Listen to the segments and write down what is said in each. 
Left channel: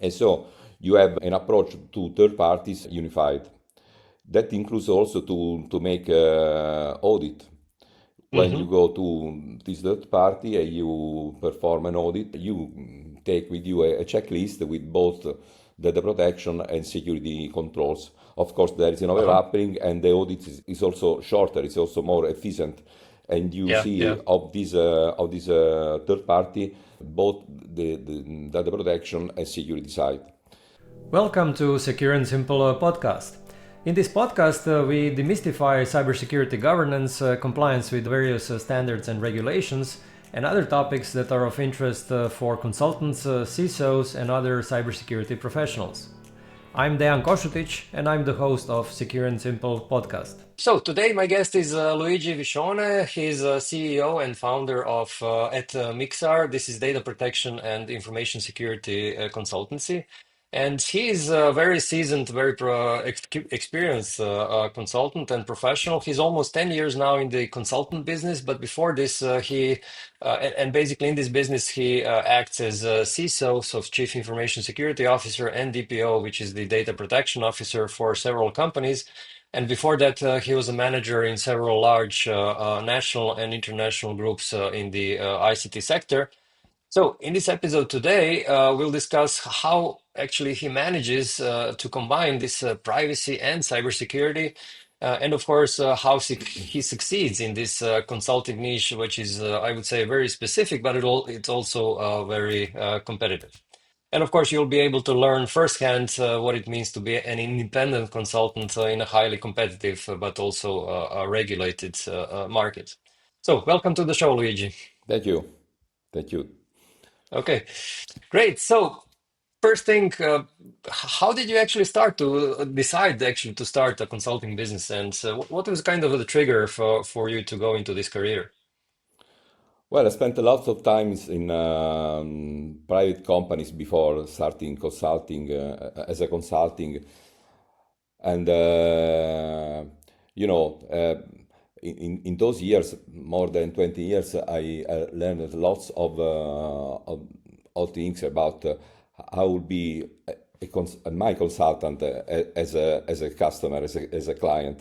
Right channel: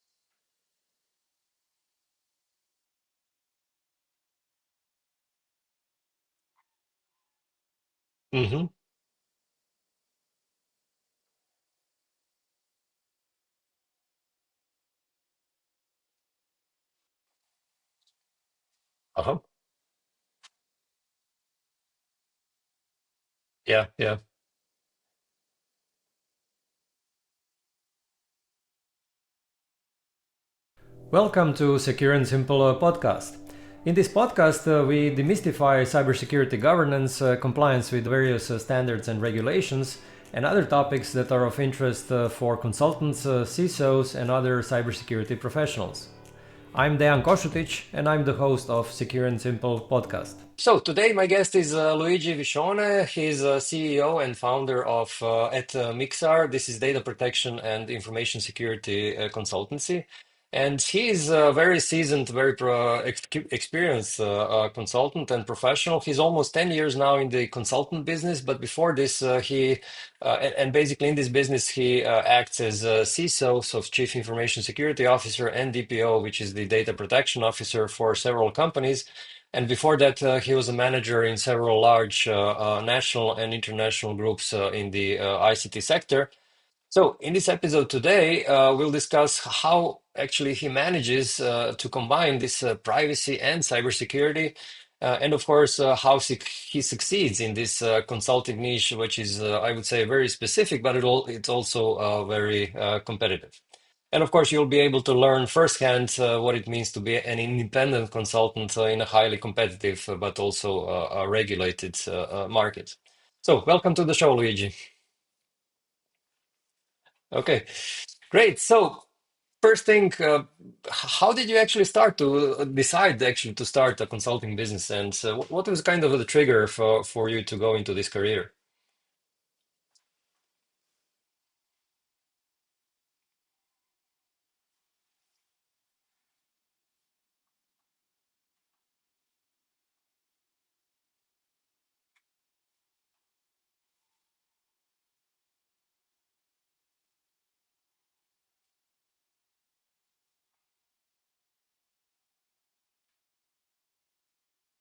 And so you have an approach to third parties unified. That includes also to make audit. When you Mm-hmm. go to this third party and you perform an audit, you take with you a checklist with both data protection and security controls. Of course, there is an Uh-huh. overlapping, and the audit is also shorter. It's also more efficient, and you Yeah, see yeah. of this third party both the data protection and security side. Welcome to Secure and Simple podcast. In this podcast, we demystify cybersecurity governance, compliance with various standards and regulations, and other topics that are of interest for consultants, CISOs, and other cybersecurity professionals. I'm Dejan Kosutic, and I'm the host of Secure and Simple podcast. So today my guest is Luigi Viscione. He's CEO and founder of at Micsar. This is data protection and information security consultancy. And he is a very seasoned, very experienced consultant and professional. He's almost 10 years now in the consultant business, but before this, and basically in this business, he acts as CISO, so Chief Information Security Officer, and DPO, which is the Data Protection Officer for several companies. And before that, he was a manager in several large national and international groups in the ICT sector. So, in this episode today, we'll discuss how actually he manages to combine this privacy and cybersecurity, and of course, how he succeeds in this consulting niche, which is, I would say, very specific, but it's also very competitive. And of course, you'll be able to learn firsthand what it means to be an independent consultant in a highly competitive but also regulated market. So, welcome to the show, Luigi. Thank you. Thank you. Okay, great. So, first thing, how did you actually start to decide actually to start a consulting business, and what was kind of the trigger for you to go into this career? Well, I spent a lot of times in private companies before starting consulting as a consulting, and you know, in those years, more than 20 years, I learned lots of things about how would be my consultant as a customer, as a client.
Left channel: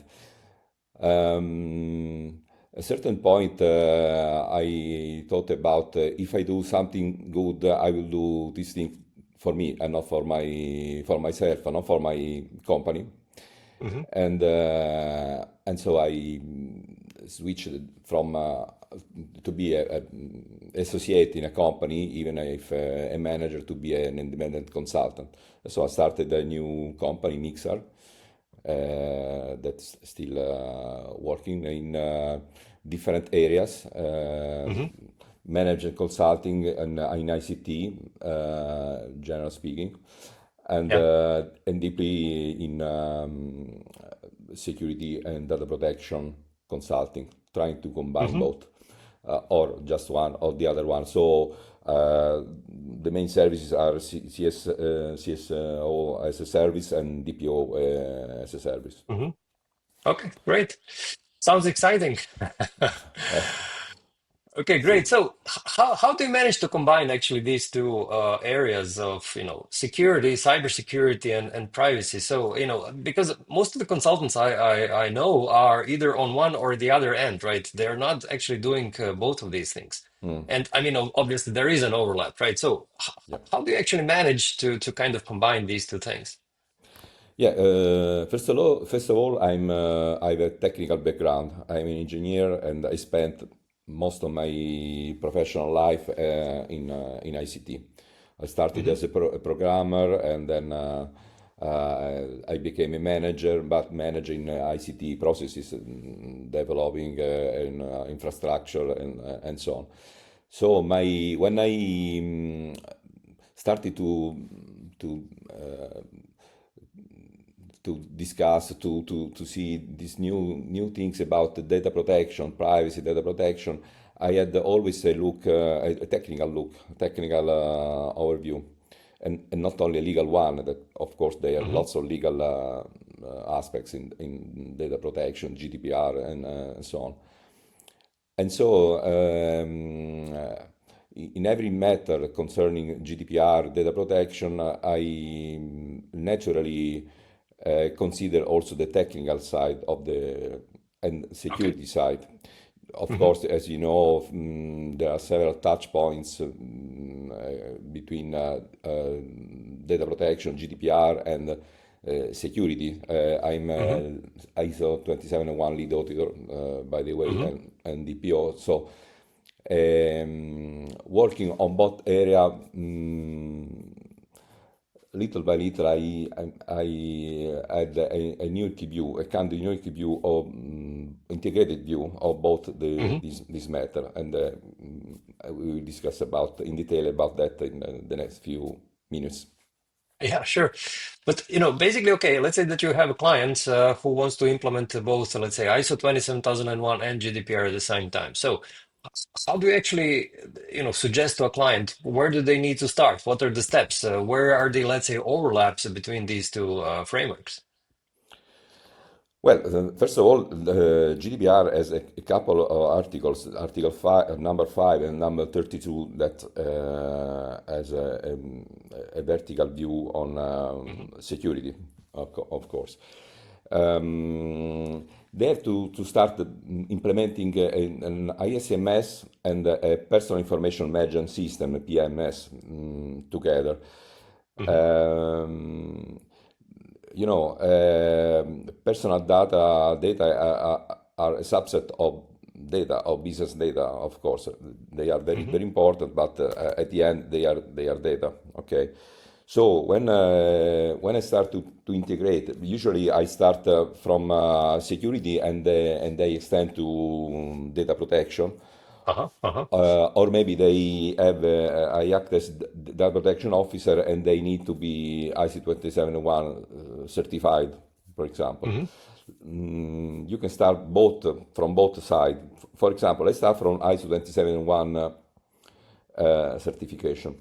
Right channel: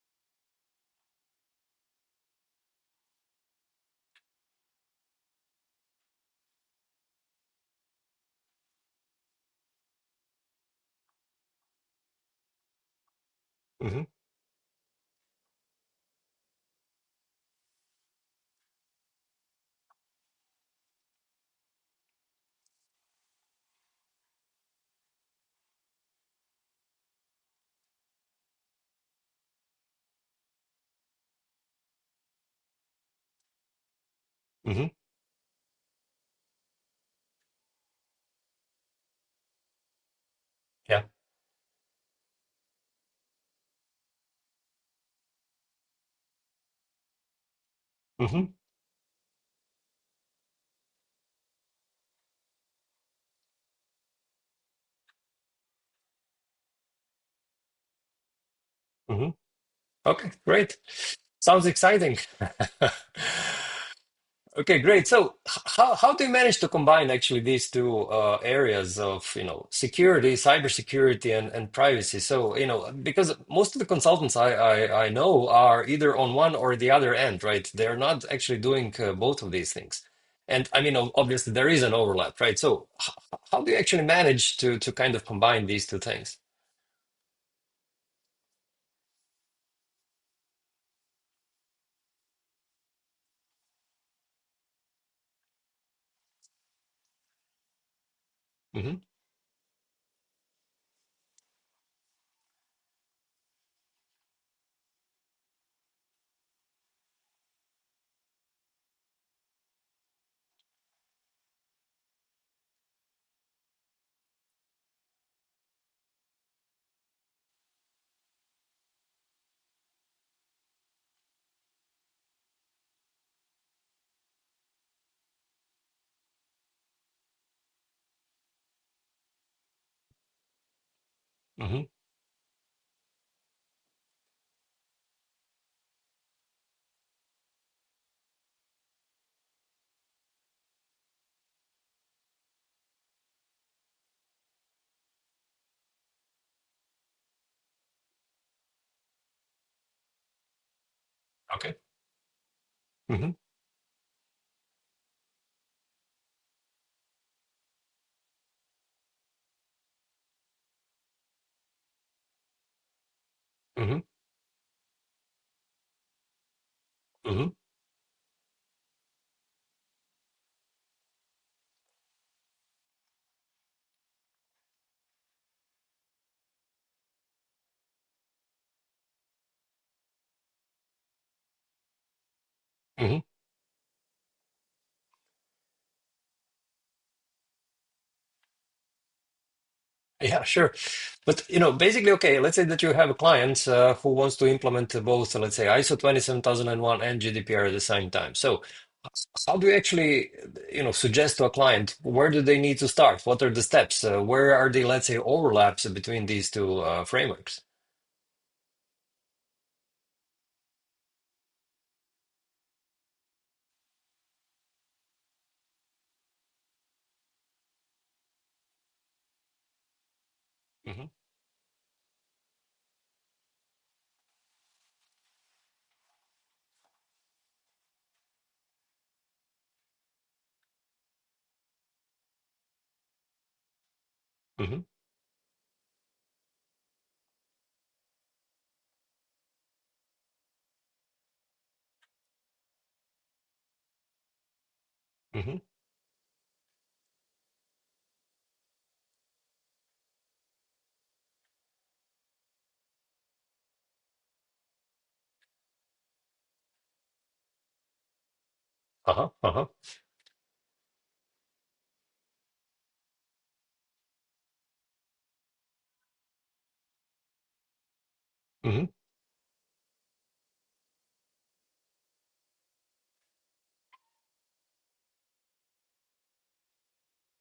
A certain point, I thought about if I do something good, I will do this thing for me and not for myself and not for my company. Hmm. And so I switched from to be a associate in a company, even if a manager, to be an independent consultant. So I started a new company, Mixar, that's still working in different areas, Hmm. managing consulting and in ICT, general speaking, Yeah. and deeply in security and data protection consulting, trying to combine Hmm. both, or just one or the other one. So the main services are CSO as a service and DPO as a service. Hmm. Okay, great. Sounds exciting. Okay, great. So, how do you manage to combine actually these two areas of, security, cybersecurity, and privacy? So, because most of the consultants I know are either on one or the other end, right? They're not actually doing both of these things. Mm, And I mean, obviously there is an overlap, right? So, yeah. how do you actually manage to kind of combine these two things? Yeah, first of all, I have a technical background. I'm an engineer, and I spent most of my professional life in ICT. I started Hmm. as a programmer, and then I became a manager, but managing ICT processes, developing infrastructure, and so on. So when I started to uh, to discuss to see these new things about the data protection, privacy, data protection, I had always a look, a technical look, technical overview, and not only a legal one. That of course there are Hmm. lots of legal aspects in data protection, GDPR, and so on. And so in every matter concerning GDPR, data protection, I naturally consider also the technical side of the and Okay. security side. Of Mm-hmm. course, as you know, there are several touch points between data protection, GDPR, and security. I'm Mm-hmm. ISO 27001 lead auditor, by the way, Mm-hmm. and DPO. So, working on both area, little by little, I had a unique view, a kind of unique view of integrated view of both Mm-hmm. this matter, and we will discuss about in detail about that in the next few minutes. Yeah, sure. But basically, okay, let's say that you have a client who wants to implement both, let's say, ISO 27001 and GDPR at the same time. So, how do you actually, suggest to a client where do they need to start? What are the steps? Where are the, let's say, overlaps between these two frameworks? Well, first of all, the GDPR has a couple of articles, Article 5, number 5 and number 32, that has a vertical view on Hmm. security, of course. They have to start implementing an ISMS and a personal information management system, a PMS, together. Hmm. Um, personal data are a subset of data, of business data, of course. They are very, Hmm. very important, but at the end, they are data, okay? So when I start to integrate, usually I start from security and they extend to data protection. Uh-huh. Uh-huh. Or maybe they have I act as data protection officer and they need to be IC 27001 certified, for example. Hmm. You can start both from both sides. For example, let's start from ISO 27001 certification.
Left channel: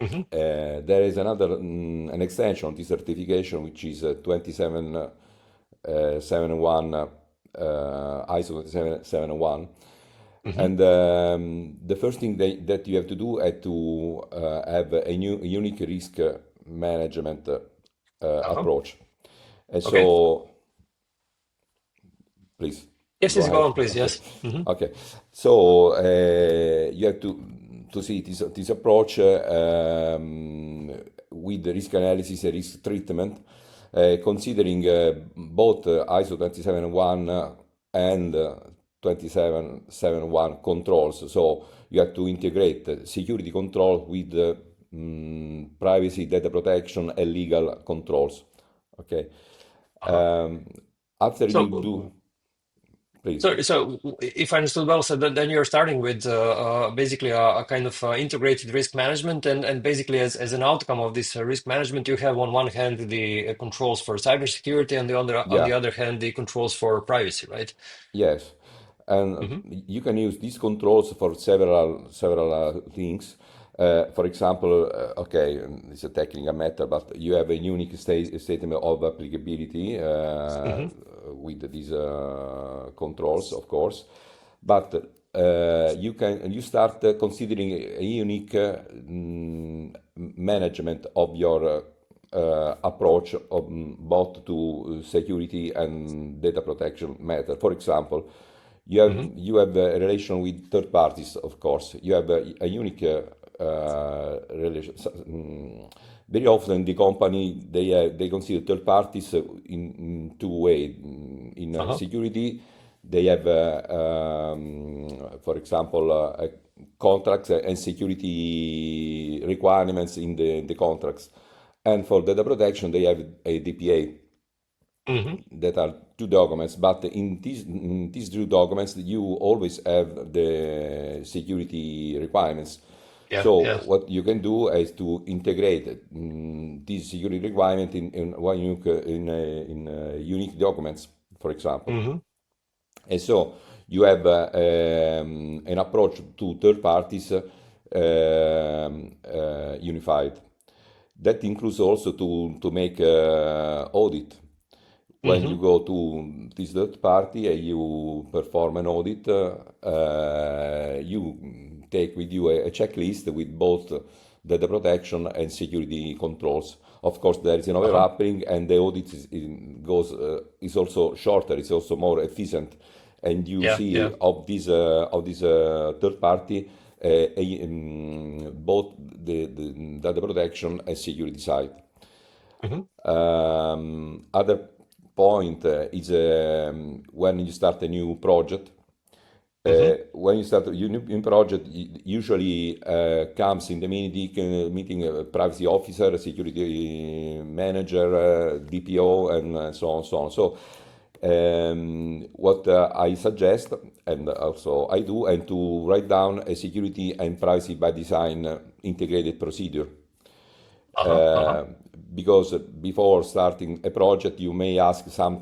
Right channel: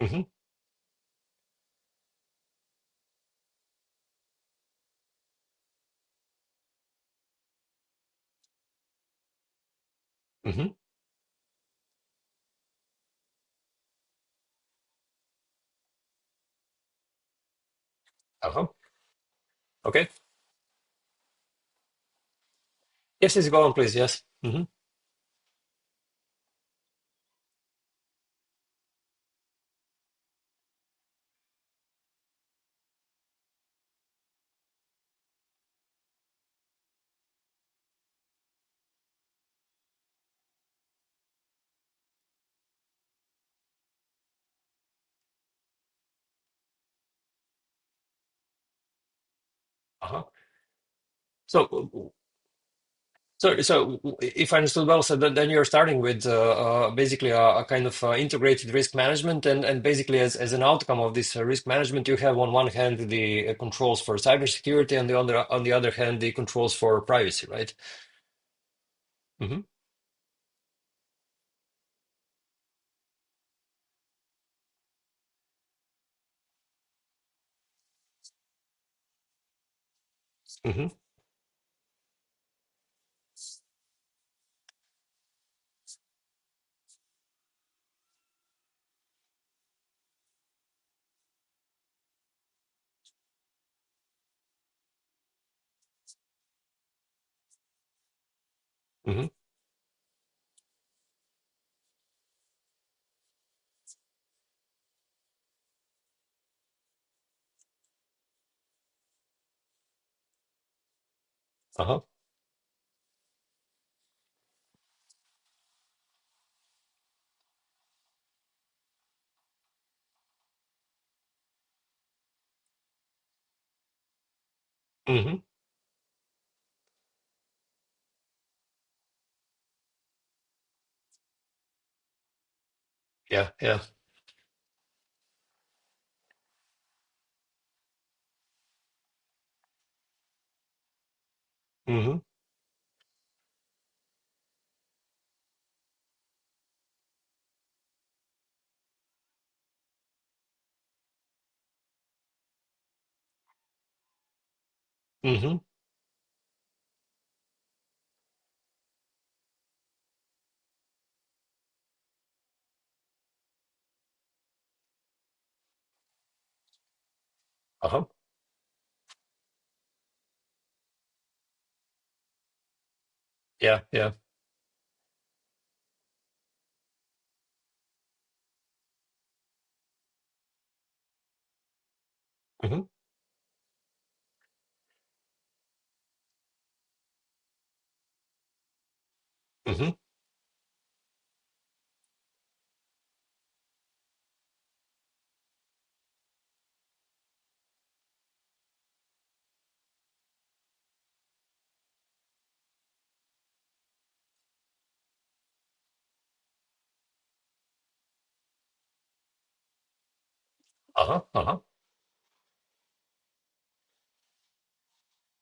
Hmm. There is another an extension of this certification which is 2771 ISO 2771. Hmm. And the first thing that you have to do is to have a unique risk management Uh-huh. approach. And Okay. so, please Yes, go yes, go ahead. on, please. Yes. Hmm. Okay, so you have to see this approach with the risk analysis and risk treatment, considering both ISO 27001 and 2771 controls. So you have to integrate security control with privacy, data protection, and legal controls. Okay. Uh-huh. Um, After you do, So, please. so if I understood well, so then you're starting with basically a kind of integrated risk management, and basically as an outcome of this risk management, you have on one hand the controls for cybersecurity, and on Yeah. the other hand the controls for privacy, right? Yes, and Hmm. you can use these controls for several things. For example, okay, it's a technical matter, but you have a unique statement of applicability Hmm. with these controls, of course. But you start considering a unique management of your approach of, both to security and data protection matter. For example, Hmm. you have a relation with third parties, of course. You have a unique relation. Very often, the company they consider third parties in two ways. In Uh-huh. security, they have, for example, contracts and security requirements in the contracts. And for data protection, they have a DPA Hmm. that are two documents, but in these two documents, you always have the security requirements. Yeah, So yeah. what you can do is to integrate this security requirement in one unique unique documents, for example. Hmm. And so you have an approach to third parties unified. That includes also to make audit. When you Hmm. go to this third party and you perform an audit, you take with you a checklist with both data protection and security controls. Of course, there is an Uh-huh. overlapping, and the audit is also shorter. It's also more efficient, and you Yeah, see yeah. of this third party both the data protection and security side. Mm-hmm. Other point is when you start a new project. Mm-hmm. When you start a new project, usually comes in the meeting privacy officer, security manager, DPO, and so on, so on. So what I suggest, and also I do, and to write down a security and privacy by design integrated procedure. Uh-huh. Uh-huh. Uh, because before starting a project, you may ask some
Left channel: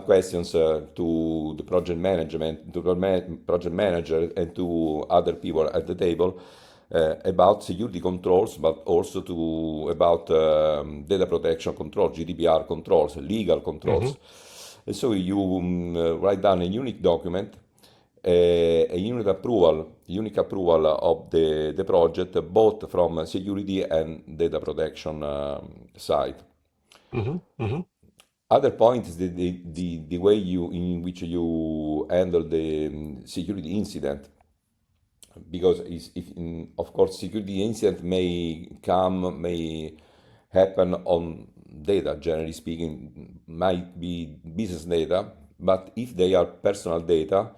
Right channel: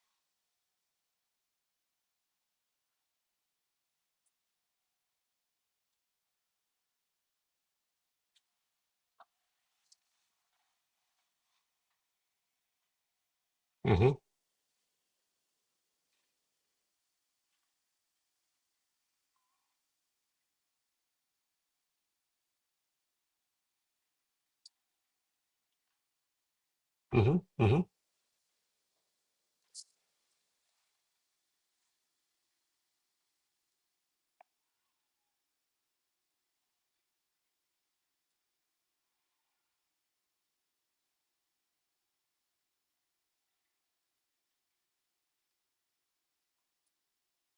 questions to the project management, to the project manager, and to other people at the table about security controls, but also about data protection controls, GDPR controls, legal Mm-hmm. controls. And so you write down a unique document, a unique approval of the project, both from security and data protection side. Mm-hmm. Mm-hmm. Other point is the way in which you handle the security incident, because of course security incident may happen on data, generally speaking, might be business data, but if they are personal data,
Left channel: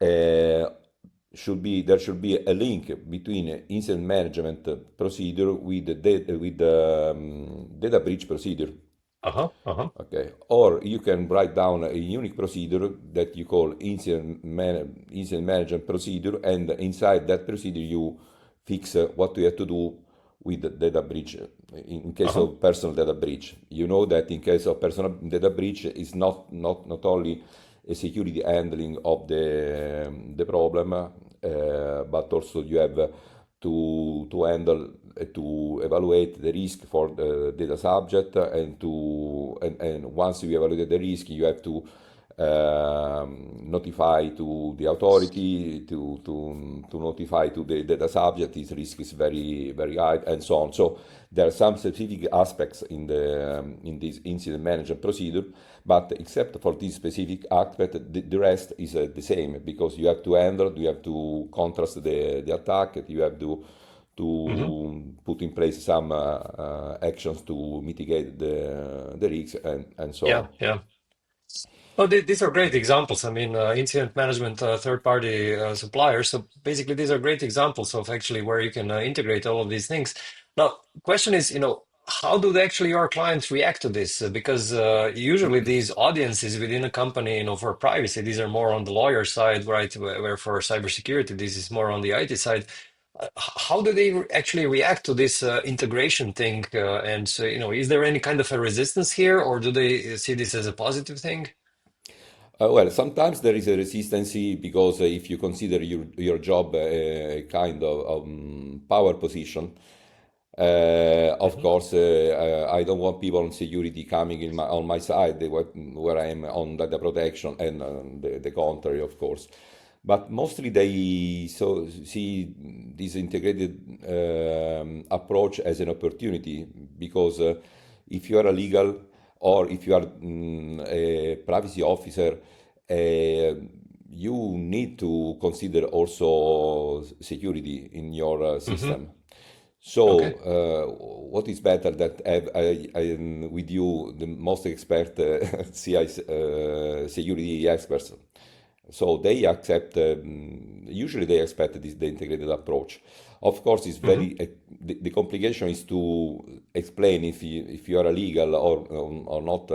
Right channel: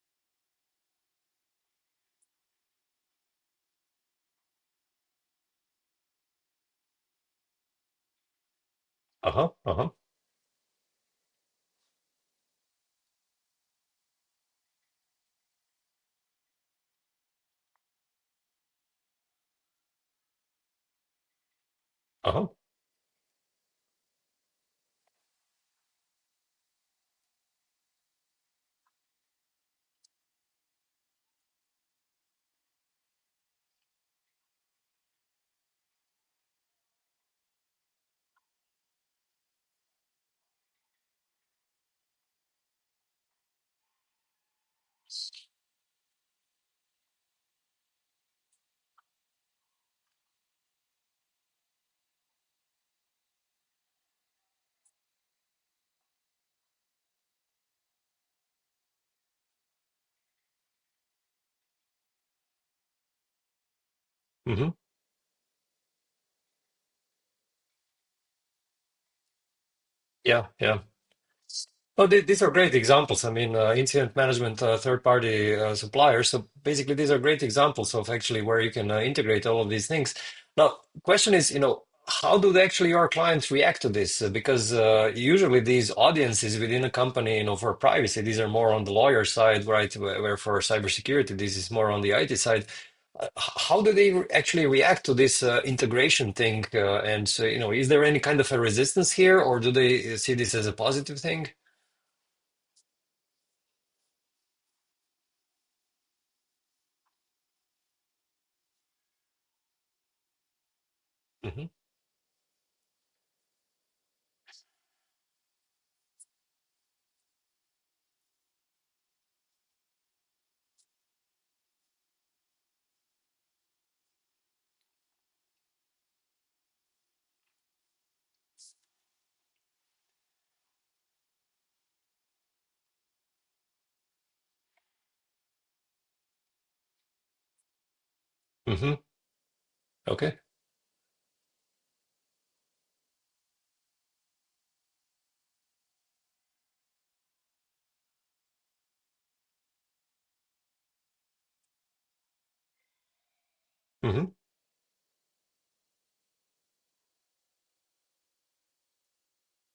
uh, there should be a link between incident management procedure with data breach procedure. Uh-huh. Uh-huh. Okay, or you can write down a unique procedure that you call incident management procedure, and inside that procedure you fix what you have to do with the data breach. In case Uh-huh. of personal data breach, you know that in case of personal data breach is not only a security handling of the problem, but also you have to handle to evaluate the risk for the data subject, and once you evaluate the risk, you have to notify to the authority, to notify to the data subject this risk is very high, and so on. So there are some specific aspects in this incident management procedure, but except for this specific aspect, the rest is the same, because you have to handle, you have to contrast the attack, you have Mm-hmm. to put in place some actions to mitigate the risks, and so on. Yeah, yeah. Oh, these are great examples. I mean, incident management, third-party suppliers. So basically, these are great examples of actually where you can integrate all of these things. Now, question is, how do actually your clients react to this? Because usually these audiences within a company, for privacy, these are more on the lawyer side, right? Where for cybersecurity, this is more on the IT side. How do they actually react to this integration thing? And so, is there any kind of a resistance here, or do they see this as a positive thing? Well, sometimes there is a resistance because if you consider your job a kind of power position, of Hmm. course, I don't want people on security coming on my side, where I am on data protection, and the contrary, of course. But mostly they see this integrated approach as an opportunity, because if you are a legal, or if you are a privacy officer, uh, you need to consider also security in your Hmm. system. So, Okay. what is better that with you the most expert CI security experts? So they accept. Usually, they accept the integrated approach. Of course, it's Hmm. the complication is to explain if you are a legal or not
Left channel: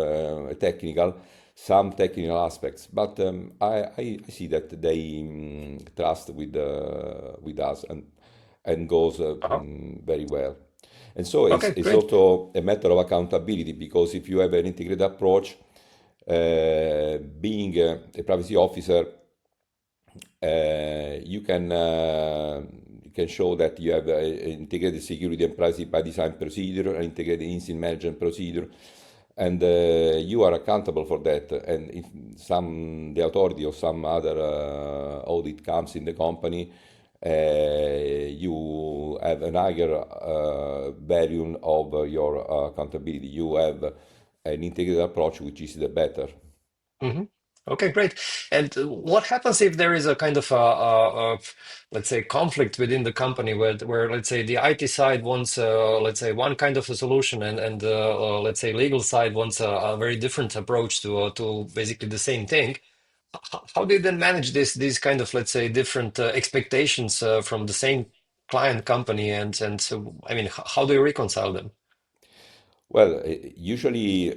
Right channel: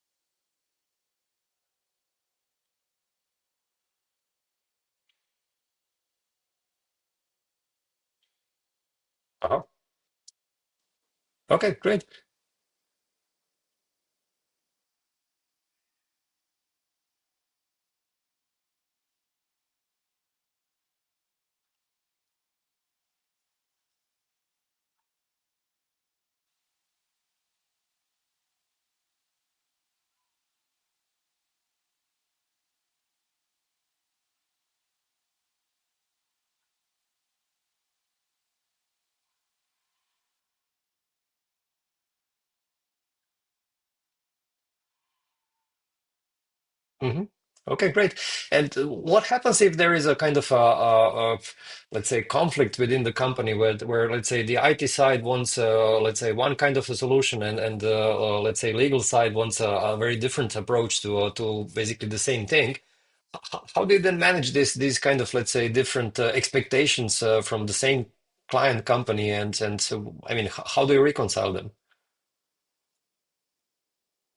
technical, some technical aspects. But I see that they trust with us, and goes Uh-huh. very well. And so Okay, it's great. also a matter of accountability, because if you have an integrated approach, being a privacy officer, you can show that you have an integrated security and privacy by design procedure, an integrated incident management procedure, and you are accountable for that. And if the authority or some other audit comes in the company, you have an higher value of your accountability. You have an integrated approach, which is the better. Hmm. Okay, great. And what happens if there is a kind of let's say, conflict within the company where let's say the IT side wants, let's say, one kind of a solution, and let's say legal side wants a very different approach to basically the same thing. How do you then manage these kind of, let's say, different expectations from the same client company, and so, I mean, how do you reconcile them? Well, usually,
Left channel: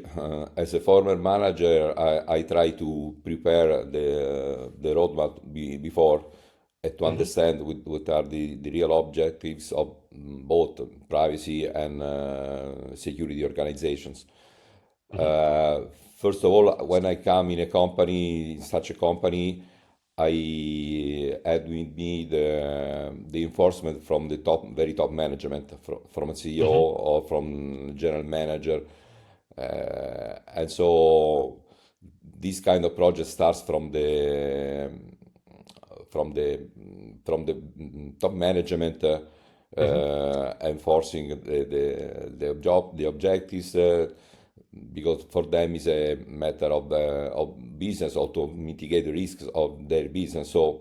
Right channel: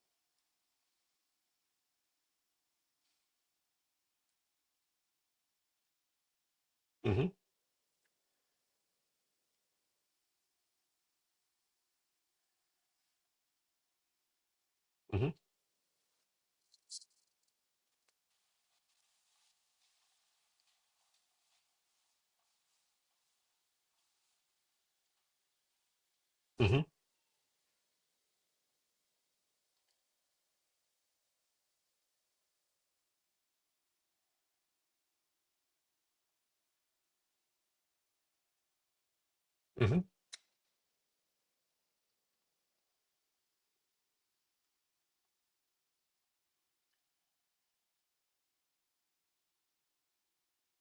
as a former manager, I try to prepare the roadmap before to Hmm. understand what are the real objectives of both privacy and security organizations. Hmm. Uh, First of all, when I come in a company, in such a company, I had with me the enforcement from the top, very top management, from a CEO Hmm. or from general manager, and so this kind of project starts from the from the top management, Hmm. enforcing the objectives, because for them is a matter of business, or to mitigate the risks of their business. So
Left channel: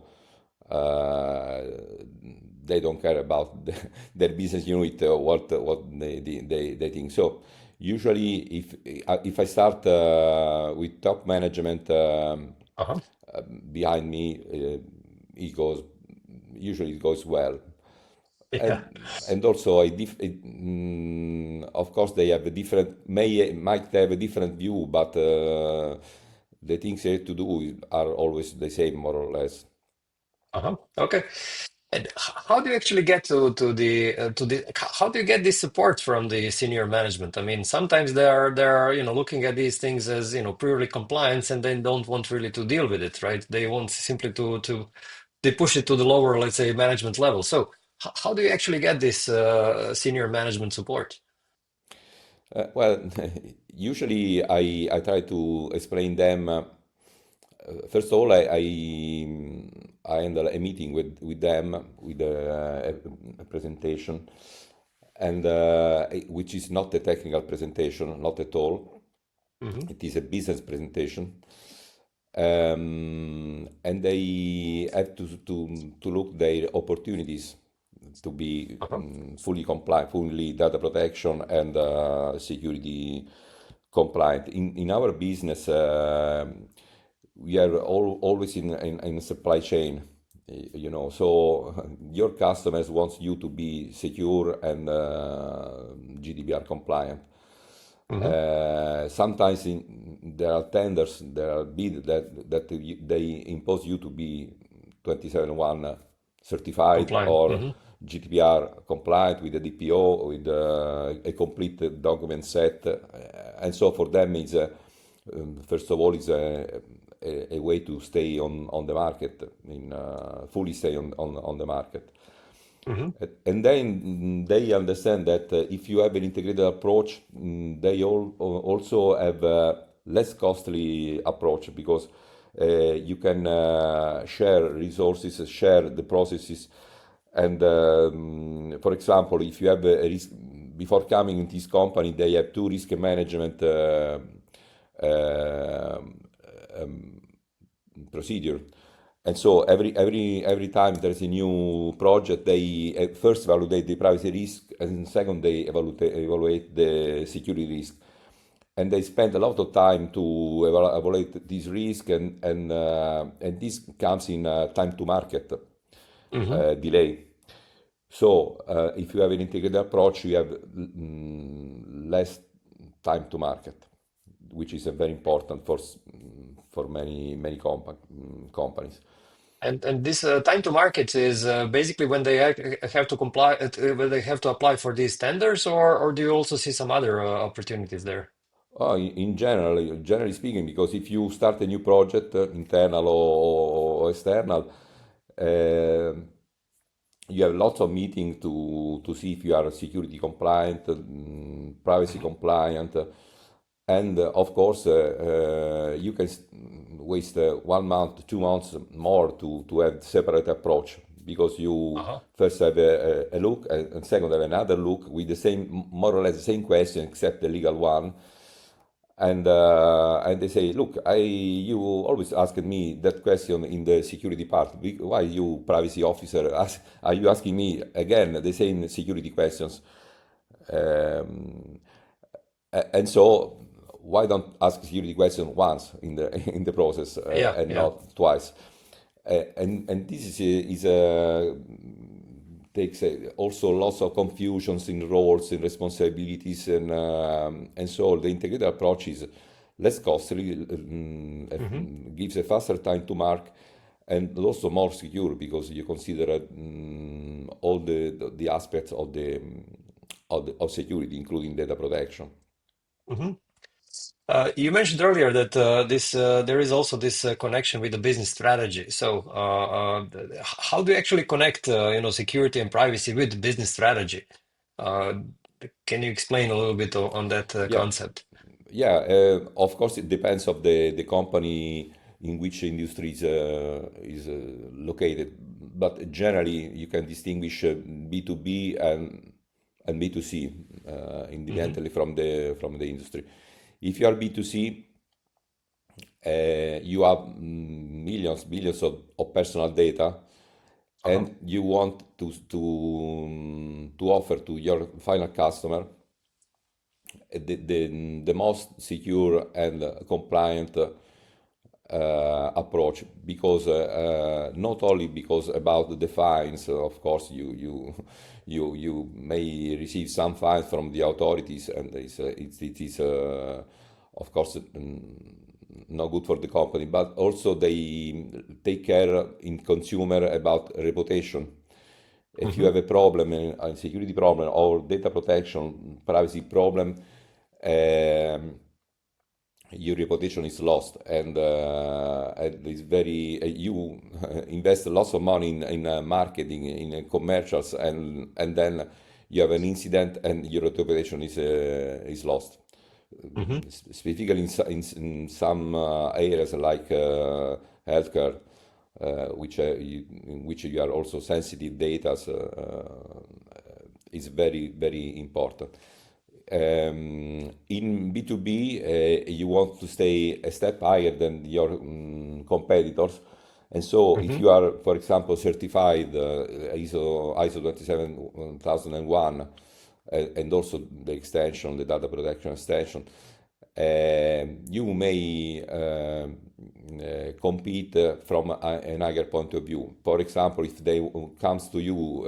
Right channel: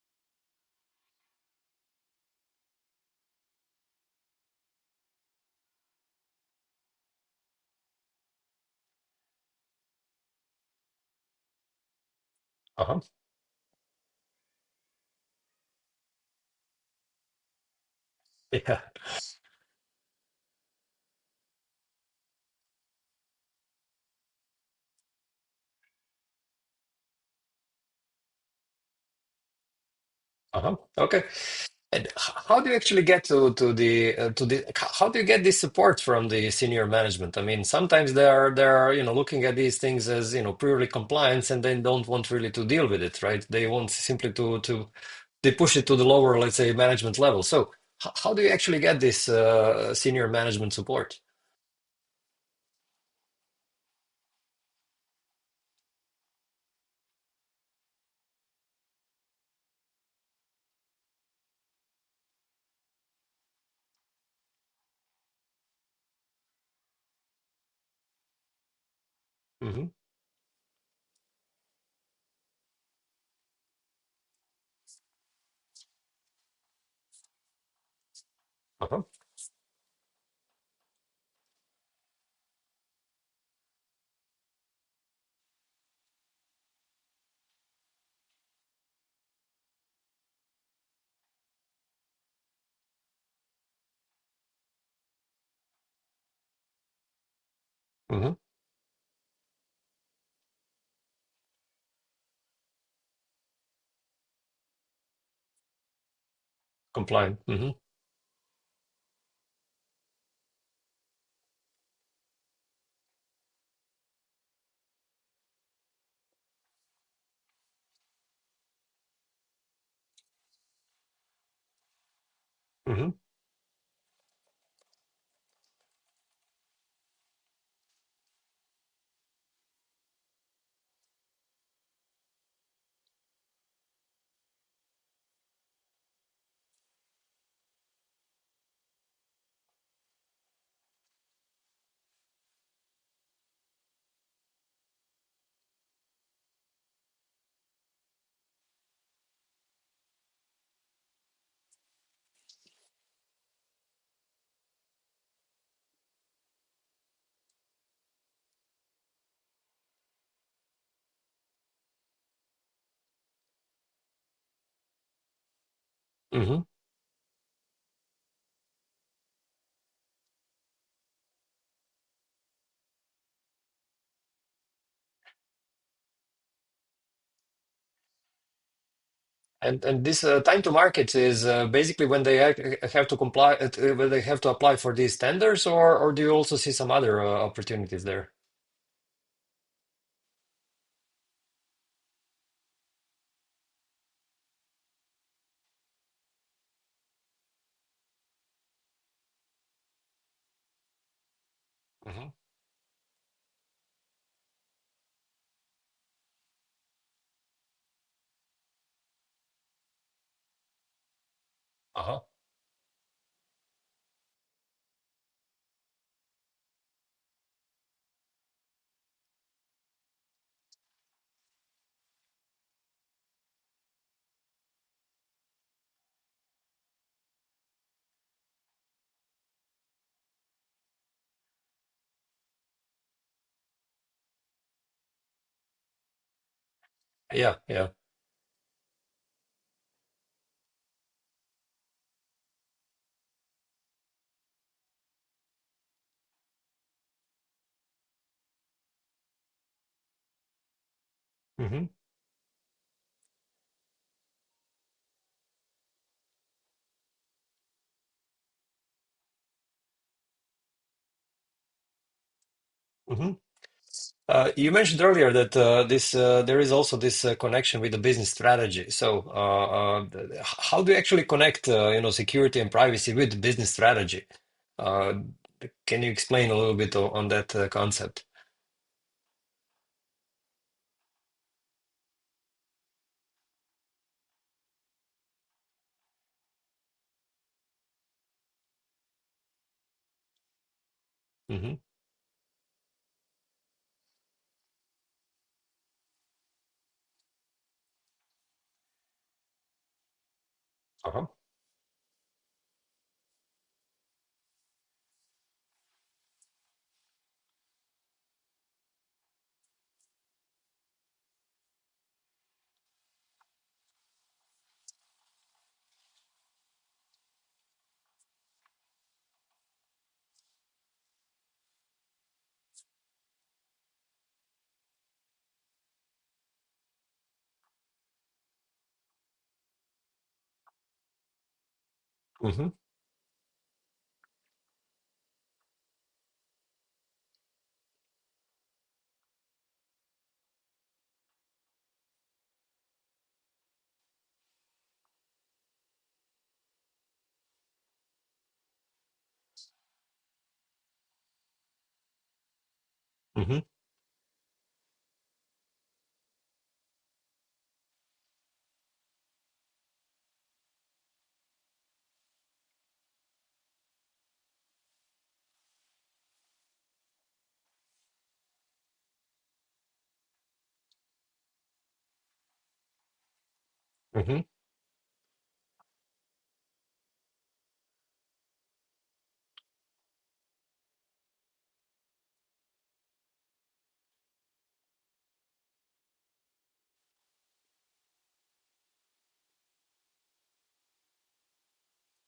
uh, they don't care about their business unit, what they think. So usually, if I start with top management Uh-huh. behind me, usually it goes well. Yeah. And also, of course, they have a different, might have a different view, but the things they have to do are always the same, more or less. Uh-huh. Okay. And how do you actually get to the how do you get this support from the senior management? I mean, sometimes they're looking at these things as purely compliance, and they don't want really to deal with it, right? They want simply to they push it to the lower, let's say, management level. So how do you actually get this senior management support? Well, usually I try to explain them. First of all, I handle a meeting with them with a presentation, and which is not a technical presentation, not at all. Hmm. It is a business presentation, and they have to look their opportunities to be Uh-huh. fully compliant, fully data protection and security compliant. In our business, we are always in a supply chain, so your customers wants you to be secure and GDPR compliant. Hmm. Sometimes there are tenders, there are bids that they impose you to be 271 certified Compliant. or Hmm. GDPR compliant with the DPO, with a complete document set. And so for them, first of all, it's a way to stay on the market, fully stay on the market. Hmm. And then they understand that if you have an integrated approach, they also have a less costly approach, because you can share resources, share the processes. And for example, if you have a risk, before coming in this company, they have two risk management uh, um, procedure. And so every time there's a new project, they first evaluate the privacy risk, and second they evaluate the security risk. And they spend a lot of time to evaluate this risk, and this comes in time to market Hmm. delay. So if you have an integrated approach, you have less time to market, which is very important for many companies. And this time to market is basically when they have to comply, when they have to apply for these tenders, or do you also see some other opportunities there? In general, generally speaking, because if you start a new project, internal or external, uh, you have lots of meetings to see if you are security compliant, privacy Hmm. compliant, and of course, you can waste 1 month, 2 months more to have separate approach, because you Uh-huh. first have a look, and second have another look with the same, more or less the same question, except the legal one. And they say, look, you always asked me that question in the security part. Why you privacy officer are you asking me again the same security questions? Um, and so why don't ask security question once in the in the process, Yeah, and yeah. not twice? And this is takes also lots of confusions in roles and responsibilities, and so the integrated approach is less costly, Mm-hmm. gives a faster time to mark, and also more secure because you consider all the aspects of of security, including data protection. Mm-hmm. You mentioned earlier that this there is also this connection with the business strategy. So, how do you actually connect, security and privacy with the business strategy? Uh, can you explain a little bit on that Yeah, concept? yeah. Of course, it depends of the company in which industry is located, but generally you can distinguish B2B and B2C, Mm-hmm. independently from the industry. If you are B2C, you have millions, billions of personal data, Uh-huh. and you want to offer to your final customer the most secure and compliant approach, because not only because about the fines, of course you may receive some fines from the authorities, and it is of course not good for the company, but also they take care in consumer about reputation. If you Mm-hmm. have a problem, a security problem or data protection, privacy problem, um, your reputation is lost, and it's very you invest lots of money in marketing, in commercials, and then you have an incident and your reputation is lost. Mm-hmm. Specifically in some areas like healthcare, in which you are also sensitive data, is very, very important. In B2B, you want to stay a step higher than your competitors. And so if Mm-hmm. you are, for example, certified ISO 27001, and also the extension, the data protection extension, you may compete from an higher point of view. For example, if they comes to you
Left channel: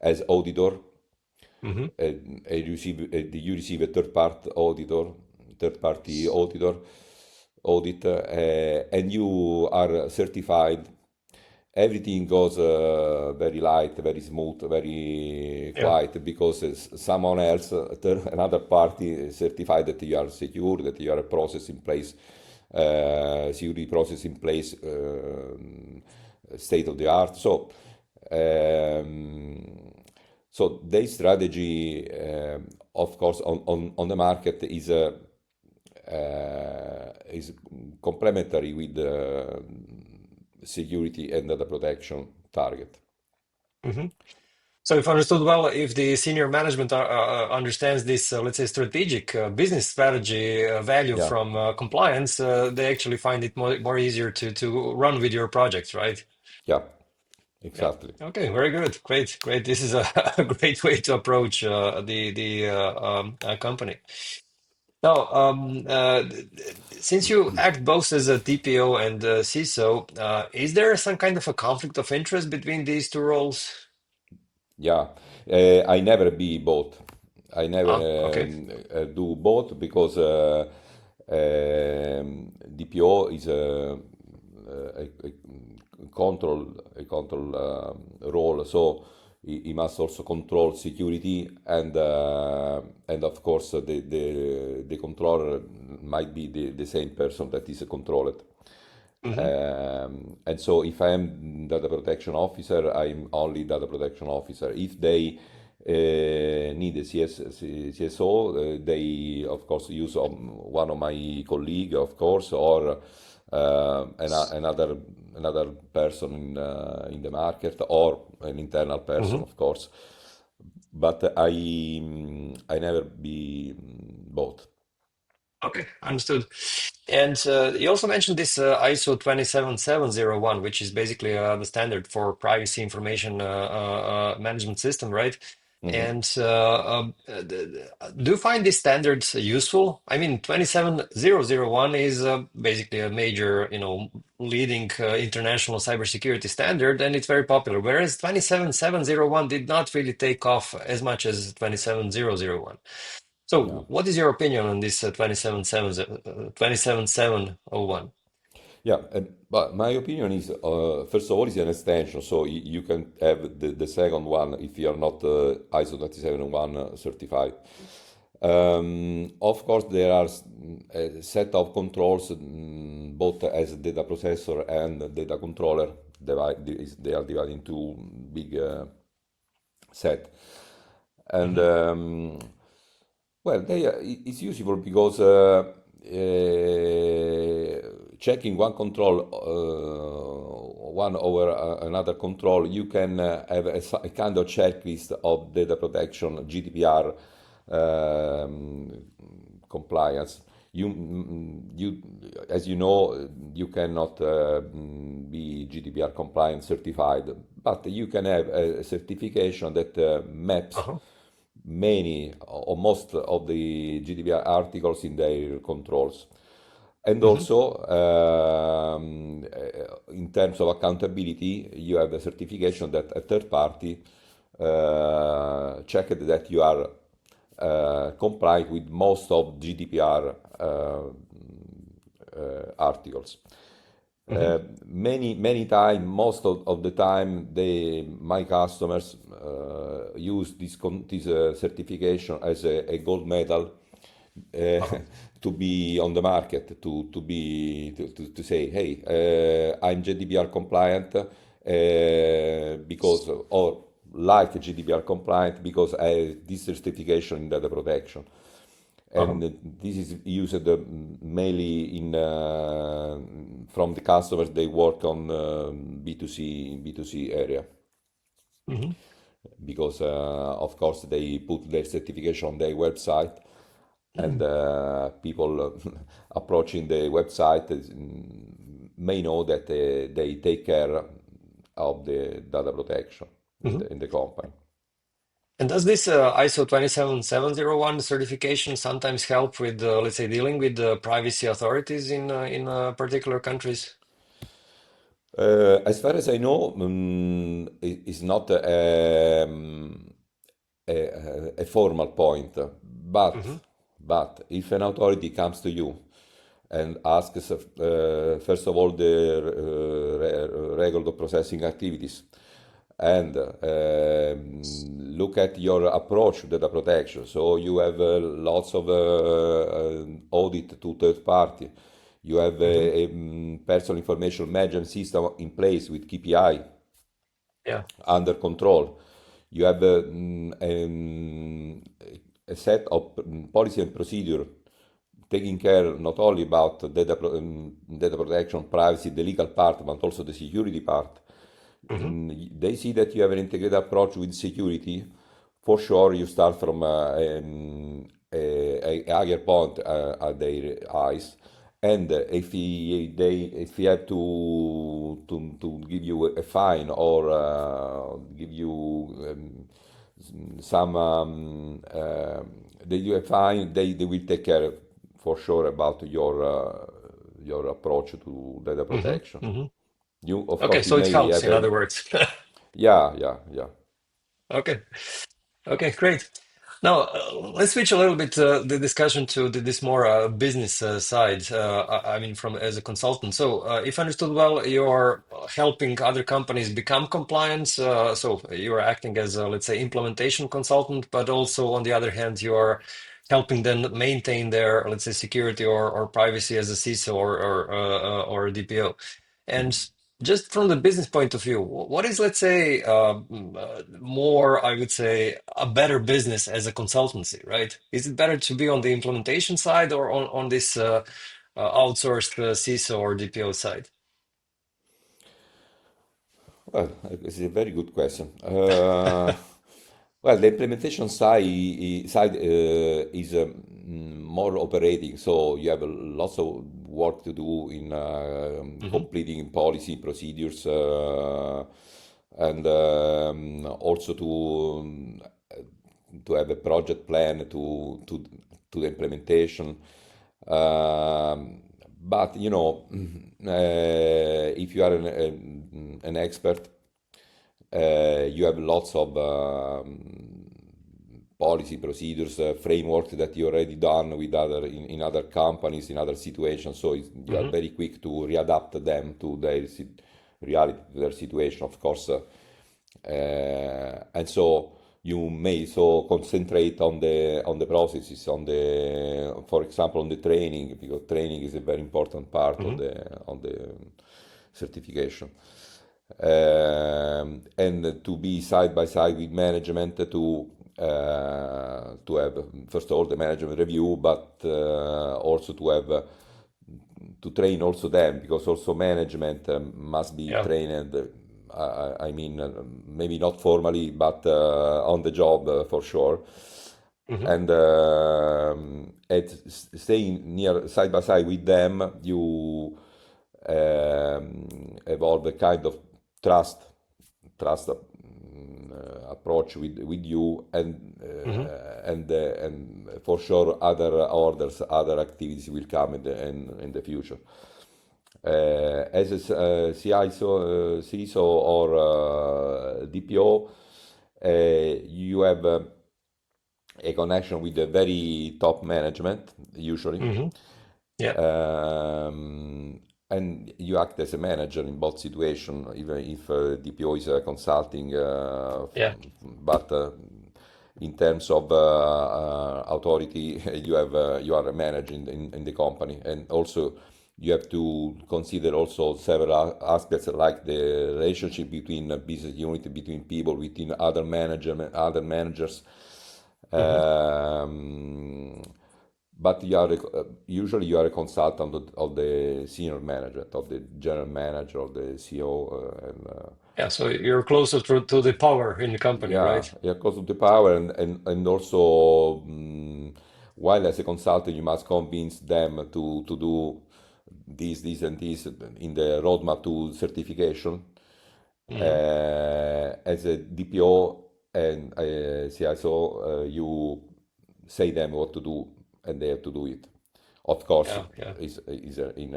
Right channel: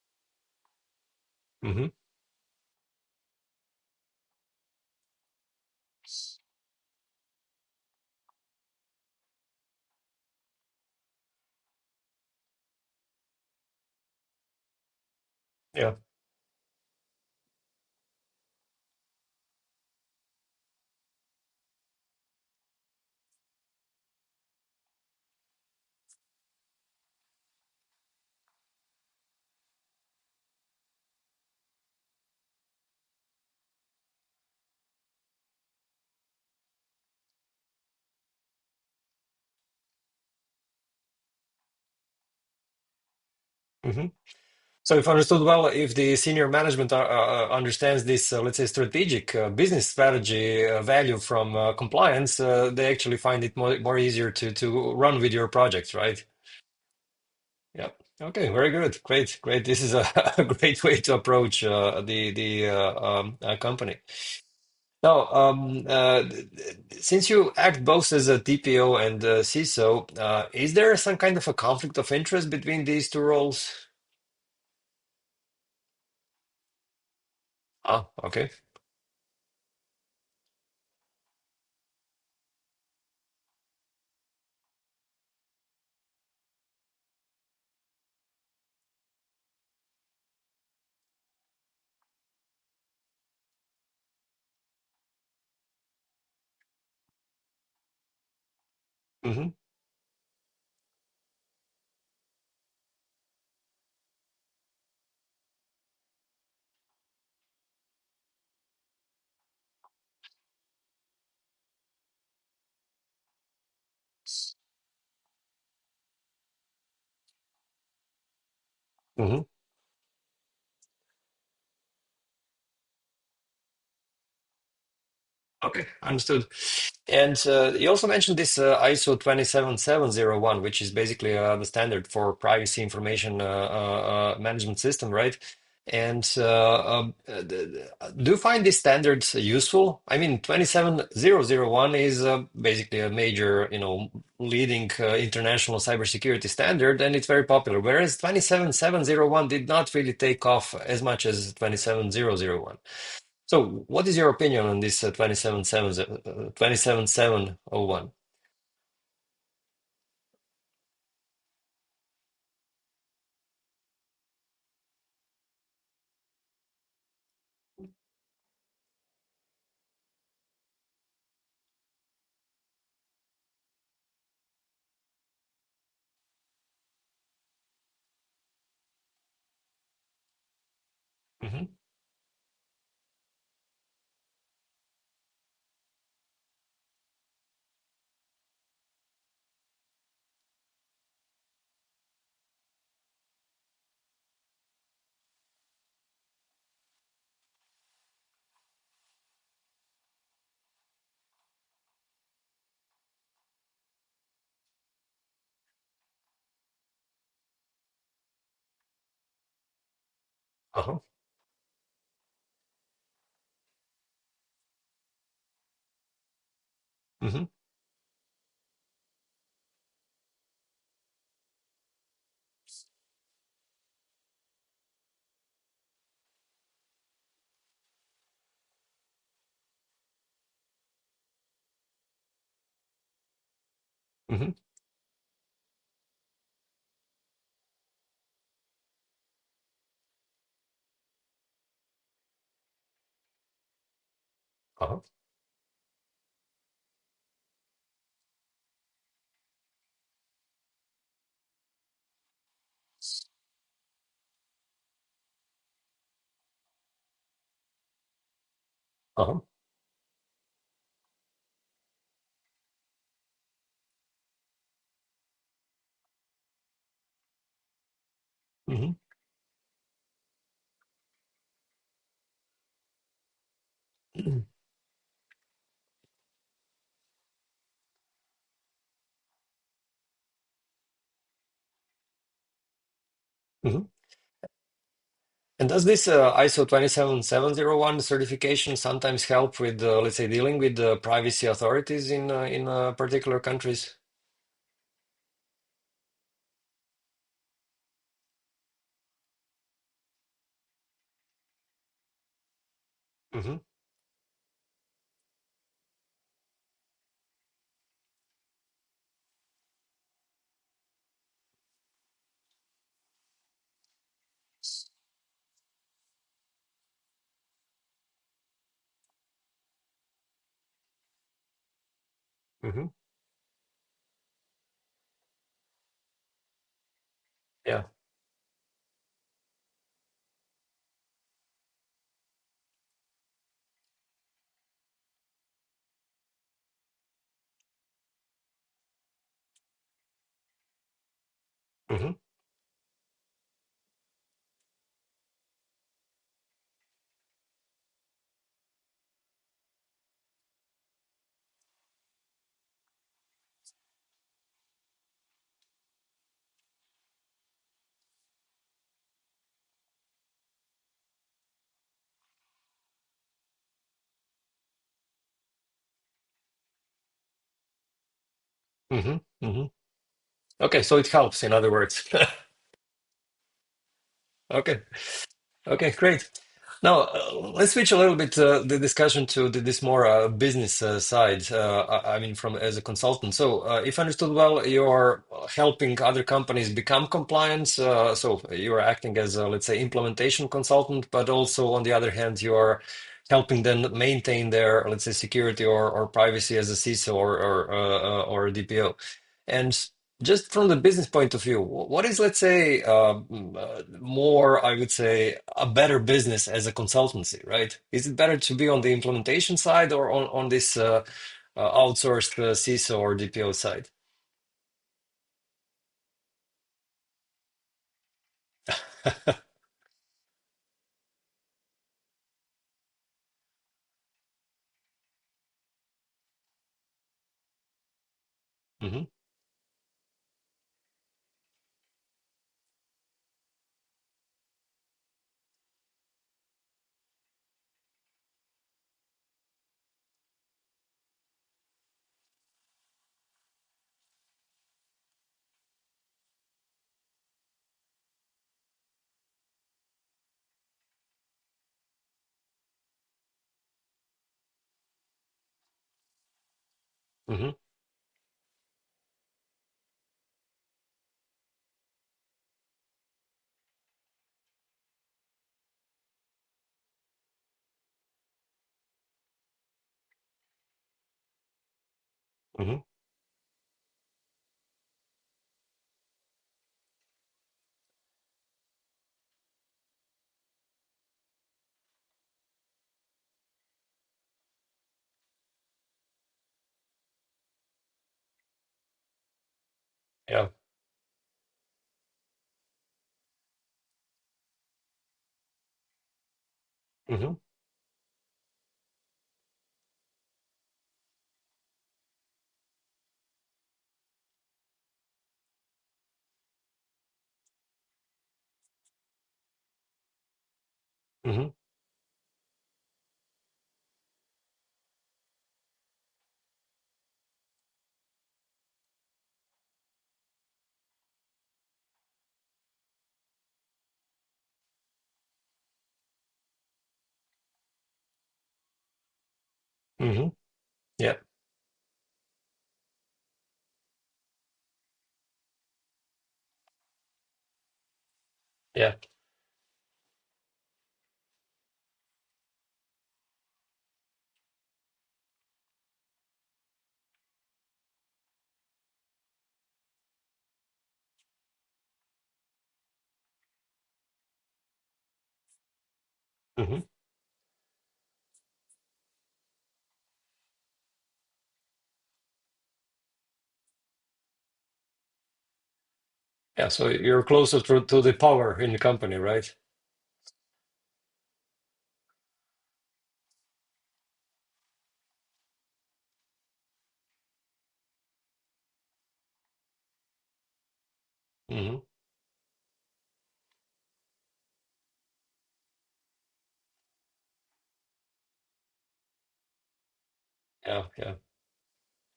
as auditor, Mm-hmm. you receive a third party auditor audit, and you are certified. Everything goes very light, very smooth, very Yeah. quiet, because someone else, another party, certified that you are secure, that you are a process in place, security process in place, state of the art. Um, so their strategy, of course, on the market is complementary with the security and data protection target. Mm-hmm. So, if understood well, if the senior management understands this, let's say, strategic business strategy value Yeah, from compliance, they actually find it more easier to run with your projects, right? yeah, Yeah. exactly. Okay. Very good. Great. Great. This is a, a great way to approach the company. Now, since you act both as a TPO and a CISO, is there some kind of a conflict of interest between these two roles? Yeah, I never be both. I Ah, never okay. do both, because DPO is a control role, so he must also control security, and of course the controller might be the same person that is controlled. Mm-hmm. And so if I am data protection officer, I'm only data protection officer. If they need a CSO, they of course use one of my colleague, of course, or another another person in the market or an internal person, Hmm. of course. But I never be both. Okay, understood. And you also mentioned this ISO 27701, which is basically the standard for privacy information management system, right? Mhm. And do you find these standards useful? I mean, 27001 is basically a major, leading international cybersecurity standard, and it's very popular. Whereas 27701 did not really take off as much as 27001. Yeah. So, what is your opinion on this 27701? Yeah, but my opinion is, first of all, it's an extension, so you can have the second one if you are not ISO 27001 certified. Of course, there are a set of controls, both as data processor and data controller. They are divided into big set. And Hmm. well, it's useful because checking one control, one over another control, you can have a kind of checklist of data protection, GDPR um, compliance. You, as you know, you cannot be GDPR compliant certified, but you can have a certification that maps Uh-huh. many or most of the GDPR articles in their controls. And Hmm. also, in terms of accountability, you have a certification that a third party checked that you are compliant with most of GDPR articles. Hmm. Many time, most of the time, my customers use this certification as a gold medal uh, Uh-huh. to be on the market, to say, hey, I'm GDPR compliant because, or like GDPR compliant because I have this certification in data protection. Uh-huh. And this is used mainly in from the customers they work on B2C area Hmm. because of course they put their certification on their website and people approaching the website may know that they take care of the data protection Hmm. in the company. And does this ISO 27701 certification sometimes help with, let's say, dealing with privacy authorities in particular countries? As far as I know, it's not a formal point, but Hmm. if an authority comes to you and asks first of all the regular processing activities and look at your approach to data protection. So you have lots of audit to third party. You have Hmm. a personal information management system in place with KPI Yeah. under control. You have a set of policy and procedure taking care not only about data protection, privacy, the legal part, but also the security part. Hmm. They see that you have an integrated approach with security. For sure, you start from a higher point at their eyes. And if he have to give you a fine or give you some they do a fine, they will take care for sure about your approach to data Hmm. protection. Hmm. You, of Okay, course, you so it may helps, have in a other words. yeah, yeah, yeah. Okay. Okay, great. Now, let's switch a little bit the discussion to this more business side. I mean, from as a consultant. So, if I understood well, you're helping other companies become compliant. So you're acting as a, let's say, implementation consultant, but also on the other hand, you're helping them maintain their, let's say, security or privacy as a CISO or a DPO. And just from the business point of view, what is, let's say, more, I would say, a better business as a consultancy, right? Is it better to be on the implementation side or on this outsourced CISO or DPO side? Well, it's a very good question. Well, the implementation side is more operating, so you have lots of work to do in Hmm. completing policy procedures and also to have a project plan to the implementation. Um, but you know, if you are an expert, you have lots of policy procedures, framework that you already done with in other companies, in other situations. So you are Hmm. very quick to readapt them to their reality, to their situation, of course. And so you may so concentrate on the processes, on the, for example, on the training, because training is a very important part Hmm. on the certification. And to be side by side with management to have first of all the management review, but also to have to train also them, because also management must be Yeah. trained. I mean, maybe not formally, but on the job for sure. Hmm. And staying near side by side with them, you evolve a kind of trust approach with you, Hmm. and for sure other orders, other activities will come in the future. As a CISO or DPO, you have a connection with the very top management usually. Hmm. Yeah. Um, and you act as a manager in both situations, even if DPO is consulting, Yeah. but in terms of authority, you are a manager in the company, and also you have to consider also several aspects like the relationship between business unit, between people, between other managers. Hmm. Um, but usually you are a consultant of the senior management, of the general manager, of the CEO, Yeah. So you're closer to the power in the company, yeah, right? yeah, because of the power, and also while as a consultant you must convince them to do this and this in the roadmap to certification. Hmm. As a DPO and CISO, you say them what to do, and they have to do it. Of course, Yeah. Yeah. is in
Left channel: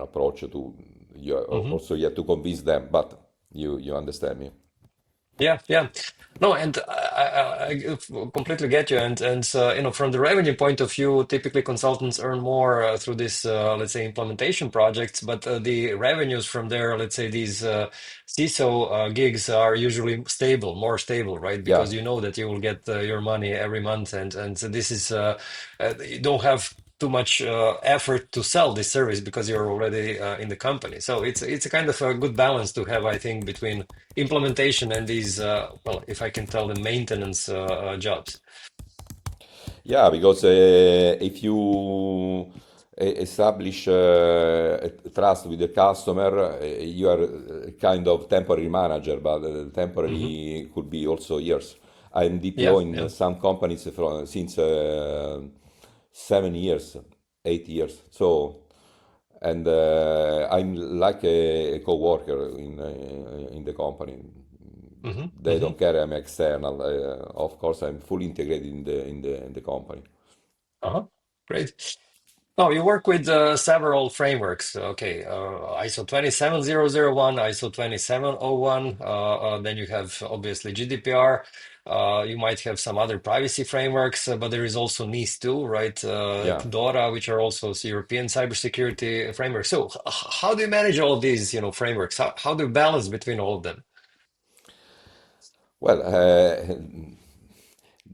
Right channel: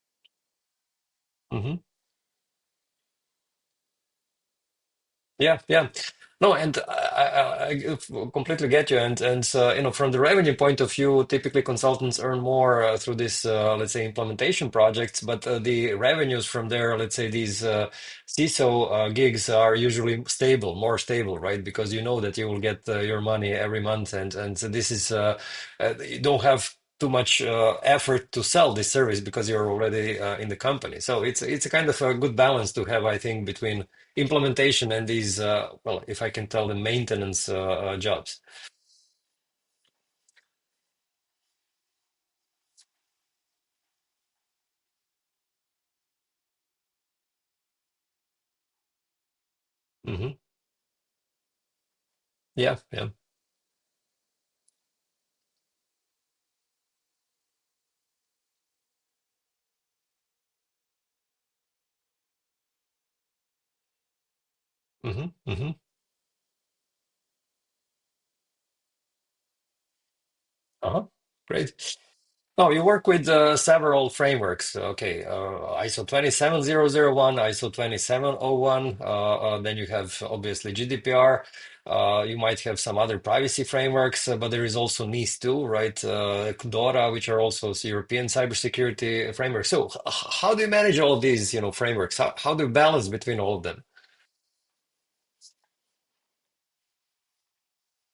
approach to you. Hmm. Also, you have to convince them, but you understand me. Yeah, yeah. No, and I completely get you. And you know, from the revenue point of view, typically consultants earn more through this, let's say, implementation projects. But the revenues from their, let's say, these CISO gigs are usually stable, more stable, right? Yeah. Because you know that you will get your money every month, and so this is you don't have too much effort to sell this service because you're already in the company. So it's a kind of a good balance to have, I think, between implementation and these, well, if I can tell them, maintenance jobs. Yeah, because if you establish a trust with the customer, you are a kind of temporary manager, but Hmm. temporary could be also years. I'm Yeah, DPO in yeah. some companies since 7 years, 8 years. So, and I'm like a co-worker in the company. Hmm. They Hmm. don't care I'm external. Of course, I'm fully integrated in the company. Uh-huh. Great. Oh, you work with several frameworks. Okay, ISO 27001, ISO 2701. Then you have obviously GDPR. You might have some other privacy frameworks, but there is also NIS too, right? Yeah. DORA, which are also European cybersecurity frameworks. So, how do you manage all of these, you know, frameworks? How do you balance between all of them? Well,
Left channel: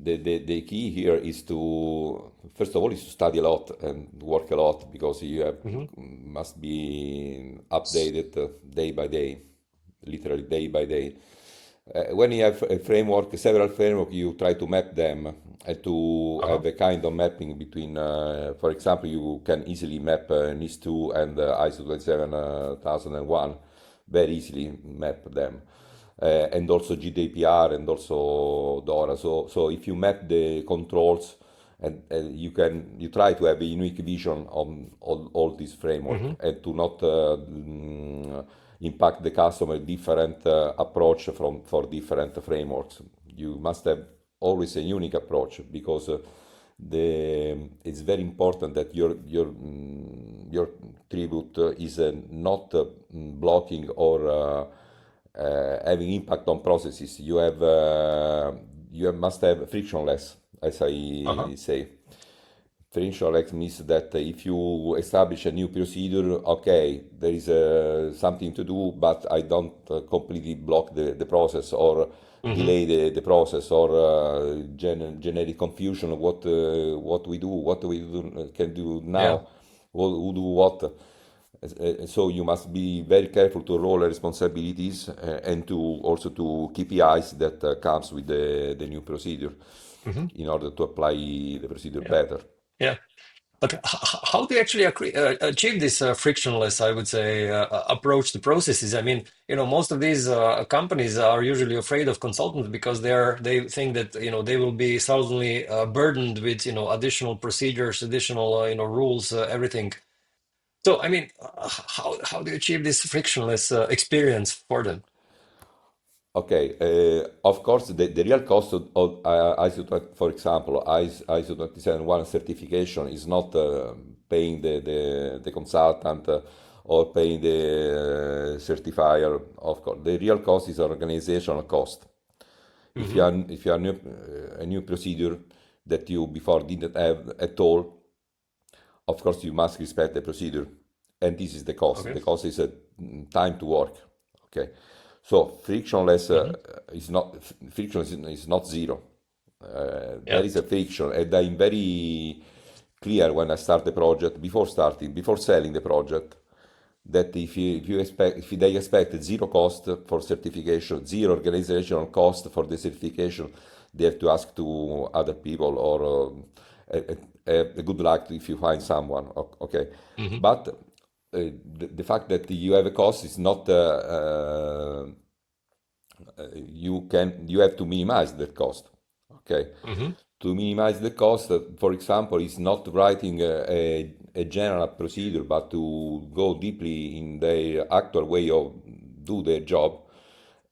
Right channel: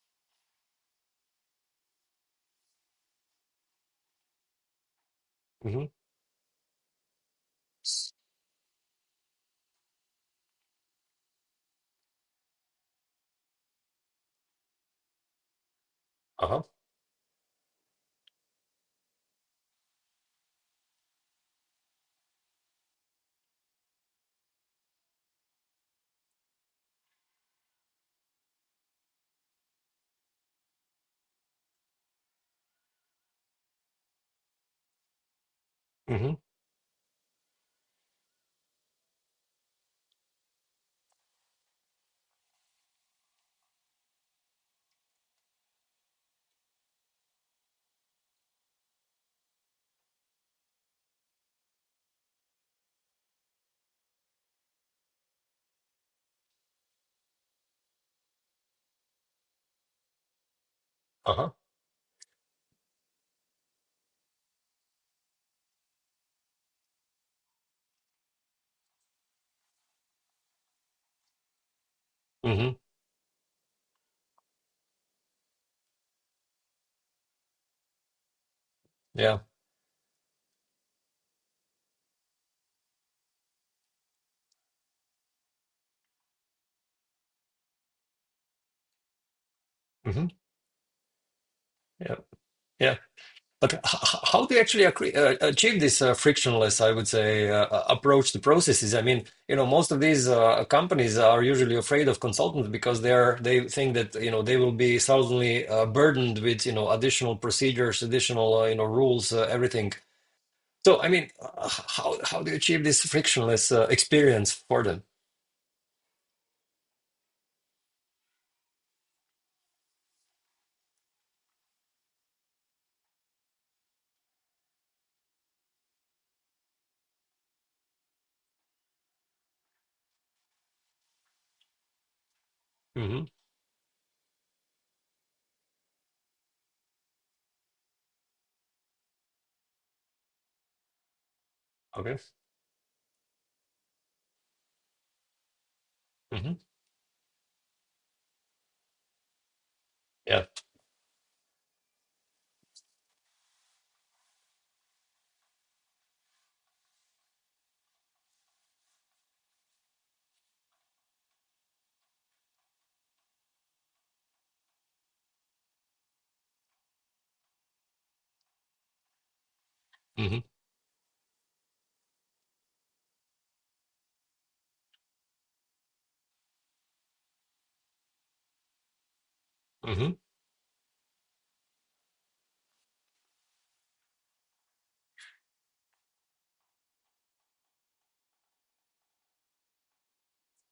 the key here is to, first of all, is to study a lot and work a lot, because you have Hmm. must be updated day by day, literally day by day. When you have a framework, several framework, you try to map them and to Uh-huh. have a kind of mapping between, for example, you can easily map NIS2 and ISO 27001, very easily map them. And also GDPR and also DORA. So if you map the controls and you try to have a unique vision on all this framework Mm-hmm. and to not impact the customer different approach for different frameworks. You must have always a unique approach because it's very important that your tribute is not blocking or having impact on processes. Must have frictionless, as Uh-huh. I say. Frictionless means that if you establish a new procedure, okay, there is something to do, but I don't completely block the process or Mm-hmm. delay the process or generate confusion of what we can do Yeah. now, who do what. So you must be very careful to roll responsibilities and to also to KPIs that comes with the new procedure Mm-hmm. in order to apply the procedure Yeah. better. Yeah. But how do you actually achieve this frictionless, I would say, approach to processes? I mean, most of these companies are usually afraid of consultants because they think that they will be suddenly burdened with additional procedures, additional rules, everything. So I mean, how do you achieve this frictionless experience for them? Okay, of course, the real cost of ISO 20, for example, ISO 271 certification is not paying the consultant or paying the certifier. Of course, the real cost is organizational cost. Hmm. If you are a new procedure that you before didn't have at all, of course, you must respect the procedure, and this is the cost. Okay. The cost is time to work. Okay, so frictionless Hmm. friction is not zero. There Yeah. is a friction, and I'm very clear when I start the project before selling the project that if they expect zero cost for certification, zero organizational cost for the certification, they have to ask to other people or a good luck if you find someone. Okay, Hmm. but the fact that you have a cost is not you have to minimize that cost. Okay, Hmm. to minimize the cost, for example, is not writing a general procedure, but to go deeply in the actual way of do their job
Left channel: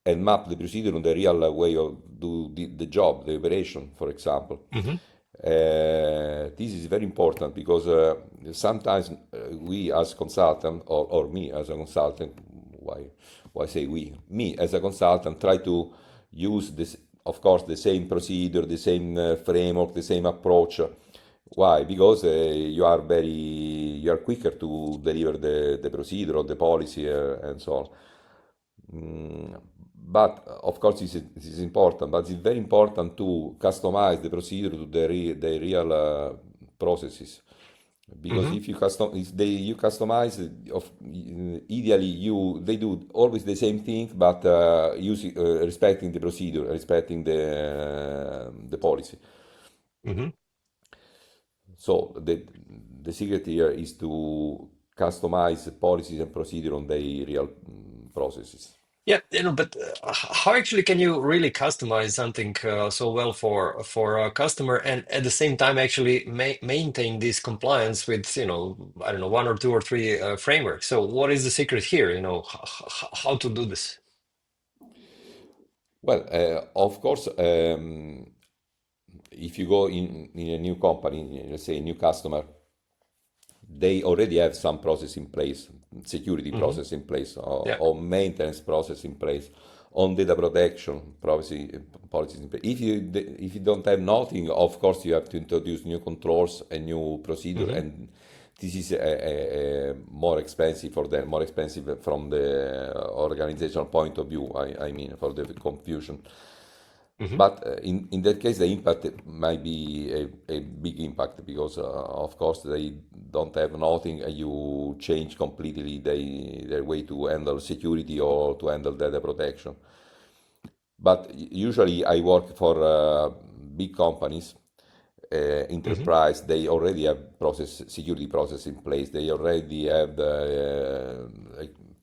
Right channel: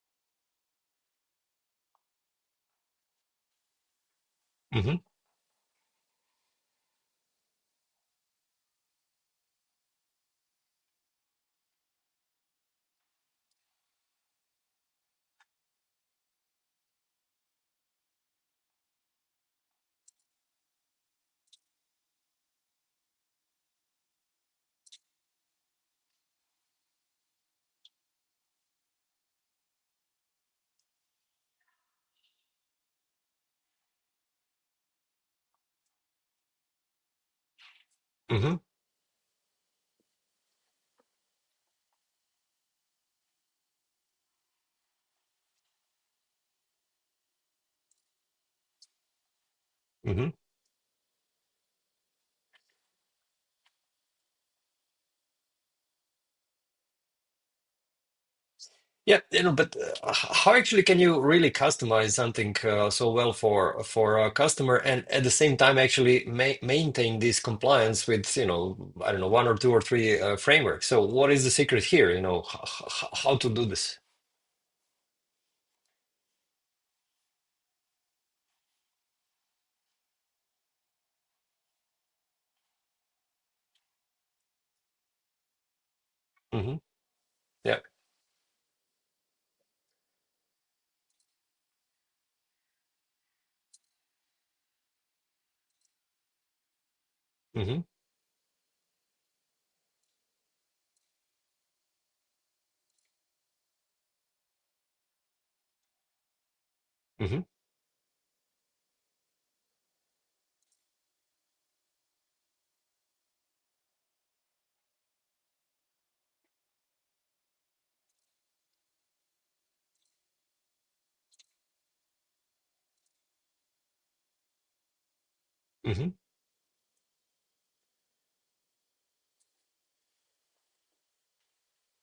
and map the procedure on the real way of do the job, the operation, for example. Hmm. This is very important because sometimes we as consultant or me as a consultant, why why say we? Me as a consultant try to use this, of course, the same procedure, the same framework, the same approach. Why? Because you are quicker to deliver the procedure or the policy and so on. But of course, this is important, but it's very important to customize the procedure to the real processes. Because Hmm. if you customize, ideally they do always the same thing, but using respecting the procedure, respecting the policy. Hmm. So the secret here is to customize policies and procedure on the real processes. Yeah, but how actually can you really customize something so well for a customer and at the same time actually maintain this compliance with, I don't know, one or two or three frameworks? So what is the secret here? How to do this? Well, of course, if you go in a new company, let's say a new customer, they already have some process in place, security Hmm. process in place, Yeah. or maintenance process in place, on data protection privacy policies in place. If you don't have nothing, of course you have to introduce new controls and new procedure, Hmm. and this is a more expensive for them, more expensive from the organizational point of view. I mean, for the confusion. Hmm. But in that case, the impact might be a big impact because, of course, they don't have nothing, and you change completely their way to handle security or to handle data protection. But usually, I work for big companies, Hmm. enterprise. They already have security process in place. They already have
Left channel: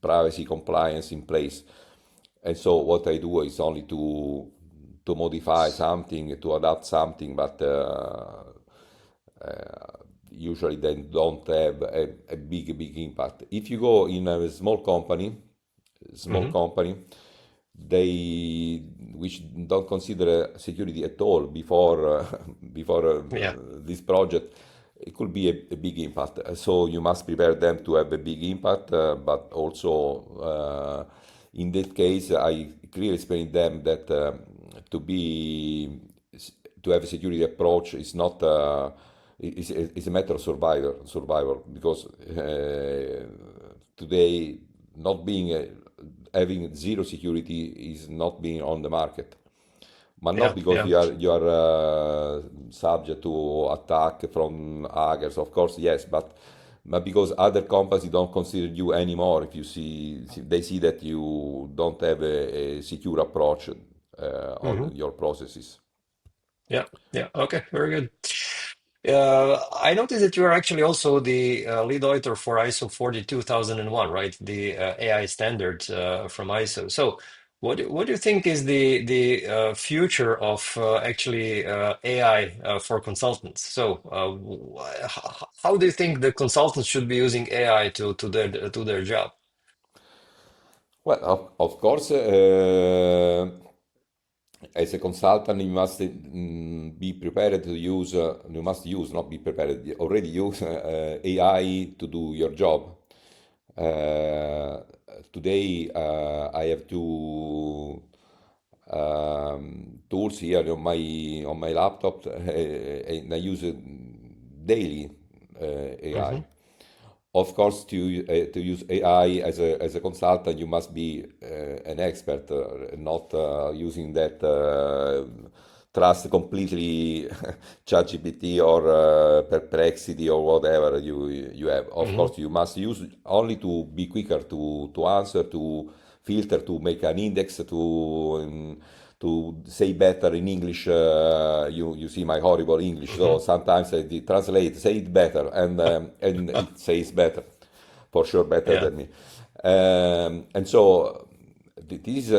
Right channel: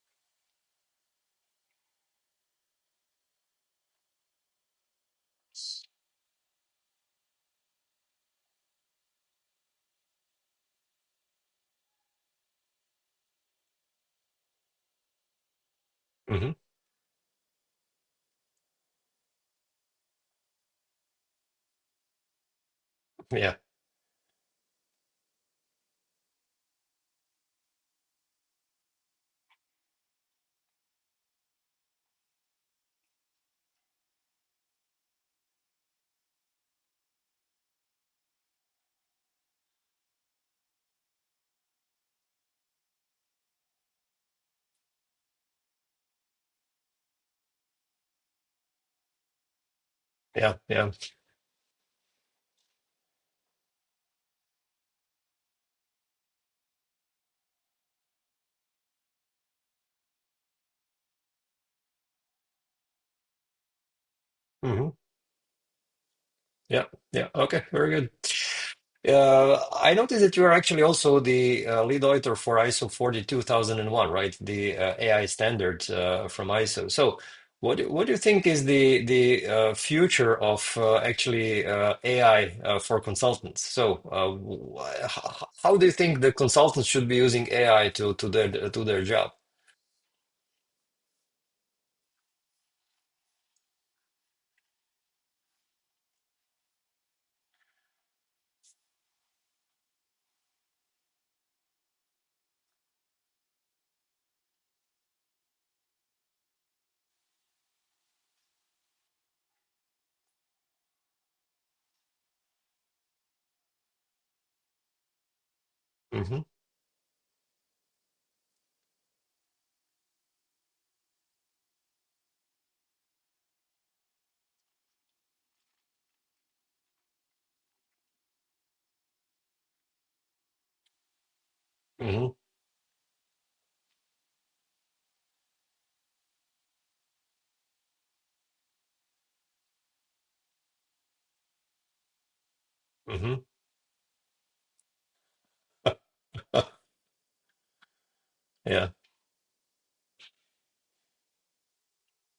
privacy compliance in place. And so what I do is only to modify something, to adapt something, but usually they don't have a big impact. If you go in a small Hmm. company, they which don't consider security at all before before Yeah. this project, it could be a big impact. So you must prepare them to have a big impact, but also in that case, I clearly explain them that to be to have a security approach is not is a matter of survival because today not being having zero security is not being on the market, but not Yeah. because Yeah. you are subject to attack from hackers, of course, yes, but because other companies don't consider you anymore if you see they see that you don't have a secure approach on Hmm. your processes. Yeah, yeah. Okay, very good. I noticed that you are actually also the lead author for ISO 42001, right? The AI standard from ISO. So, what do you think is the future of actually AI for consultants? So, how do you think the consultants should be using AI to their job? Well, of course, as a consultant, you must be prepared to use, you must use, not be prepared, you already use AI to do your job. Uh, Today, I have two tools here on my laptop, and I use it daily, AI. Hmm. Of course, to use AI as a consultant, you must be an expert, not using that trust completely ChatGPT or Perplexity or whatever you have. Of Hmm. course, you must use only to be quicker to answer, to filter, to make an index, to say better in English. You see my horrible English, Hmm. so sometimes I translate, say it better, and it says better, for sure better Yeah. than me. And so this is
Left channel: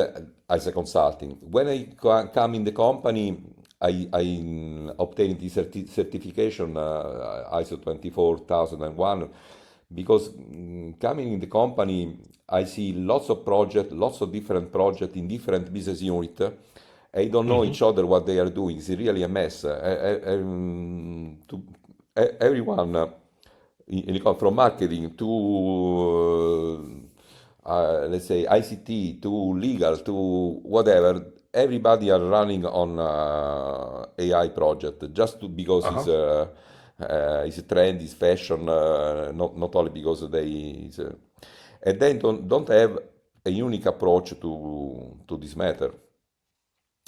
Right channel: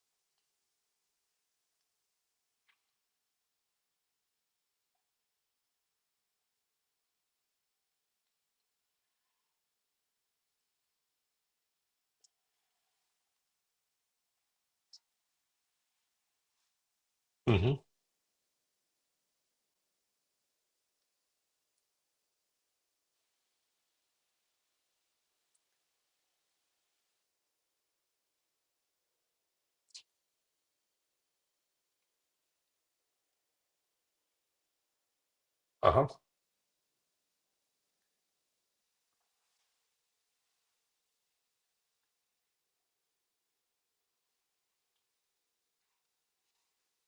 as a consulting. When I come in the company, I obtained the certification ISO 24001 because coming in the company, I see lots of projects, lots of different projects in different business units. I don't know Hmm. each other what they are doing. It's really a mess. Everyone from marketing to let's say ICT to legal to whatever, everybody are running on AI project just because Uh-huh. it's a trend, it's fashion, not only because and they don't have a unique approach to this matter,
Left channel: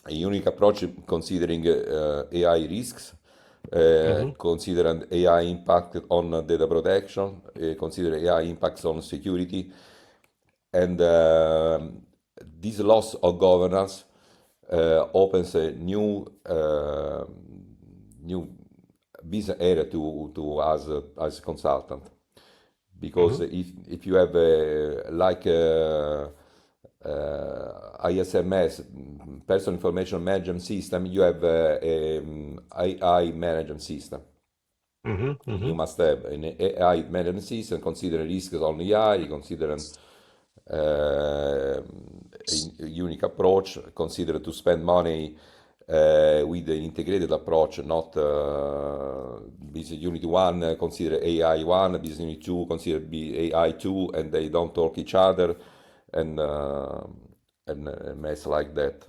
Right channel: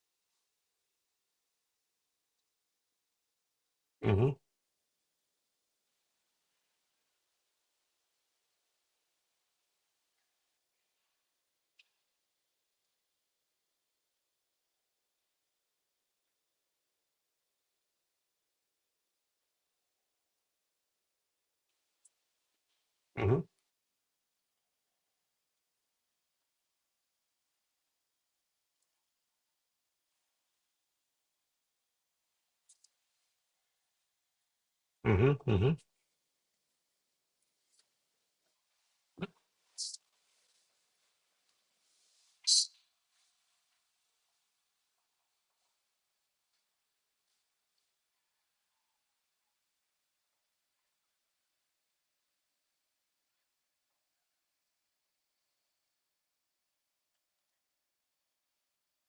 a unique approach considering AI risks, Hmm. considering AI impact on data protection, consider AI impacts on security, and this loss of governance opens a new business area to us as consultant, because Hmm. if you have like ISMS, Personal Information Management System, you have AI management system. Hmm. You Hmm. must have an AI management system, consider risks on AI, consider a unique approach, consider to spend money with an integrated approach, not business unit one, consider AI one, business unit two, consider AI two, and they don't talk each other, and a mess like that.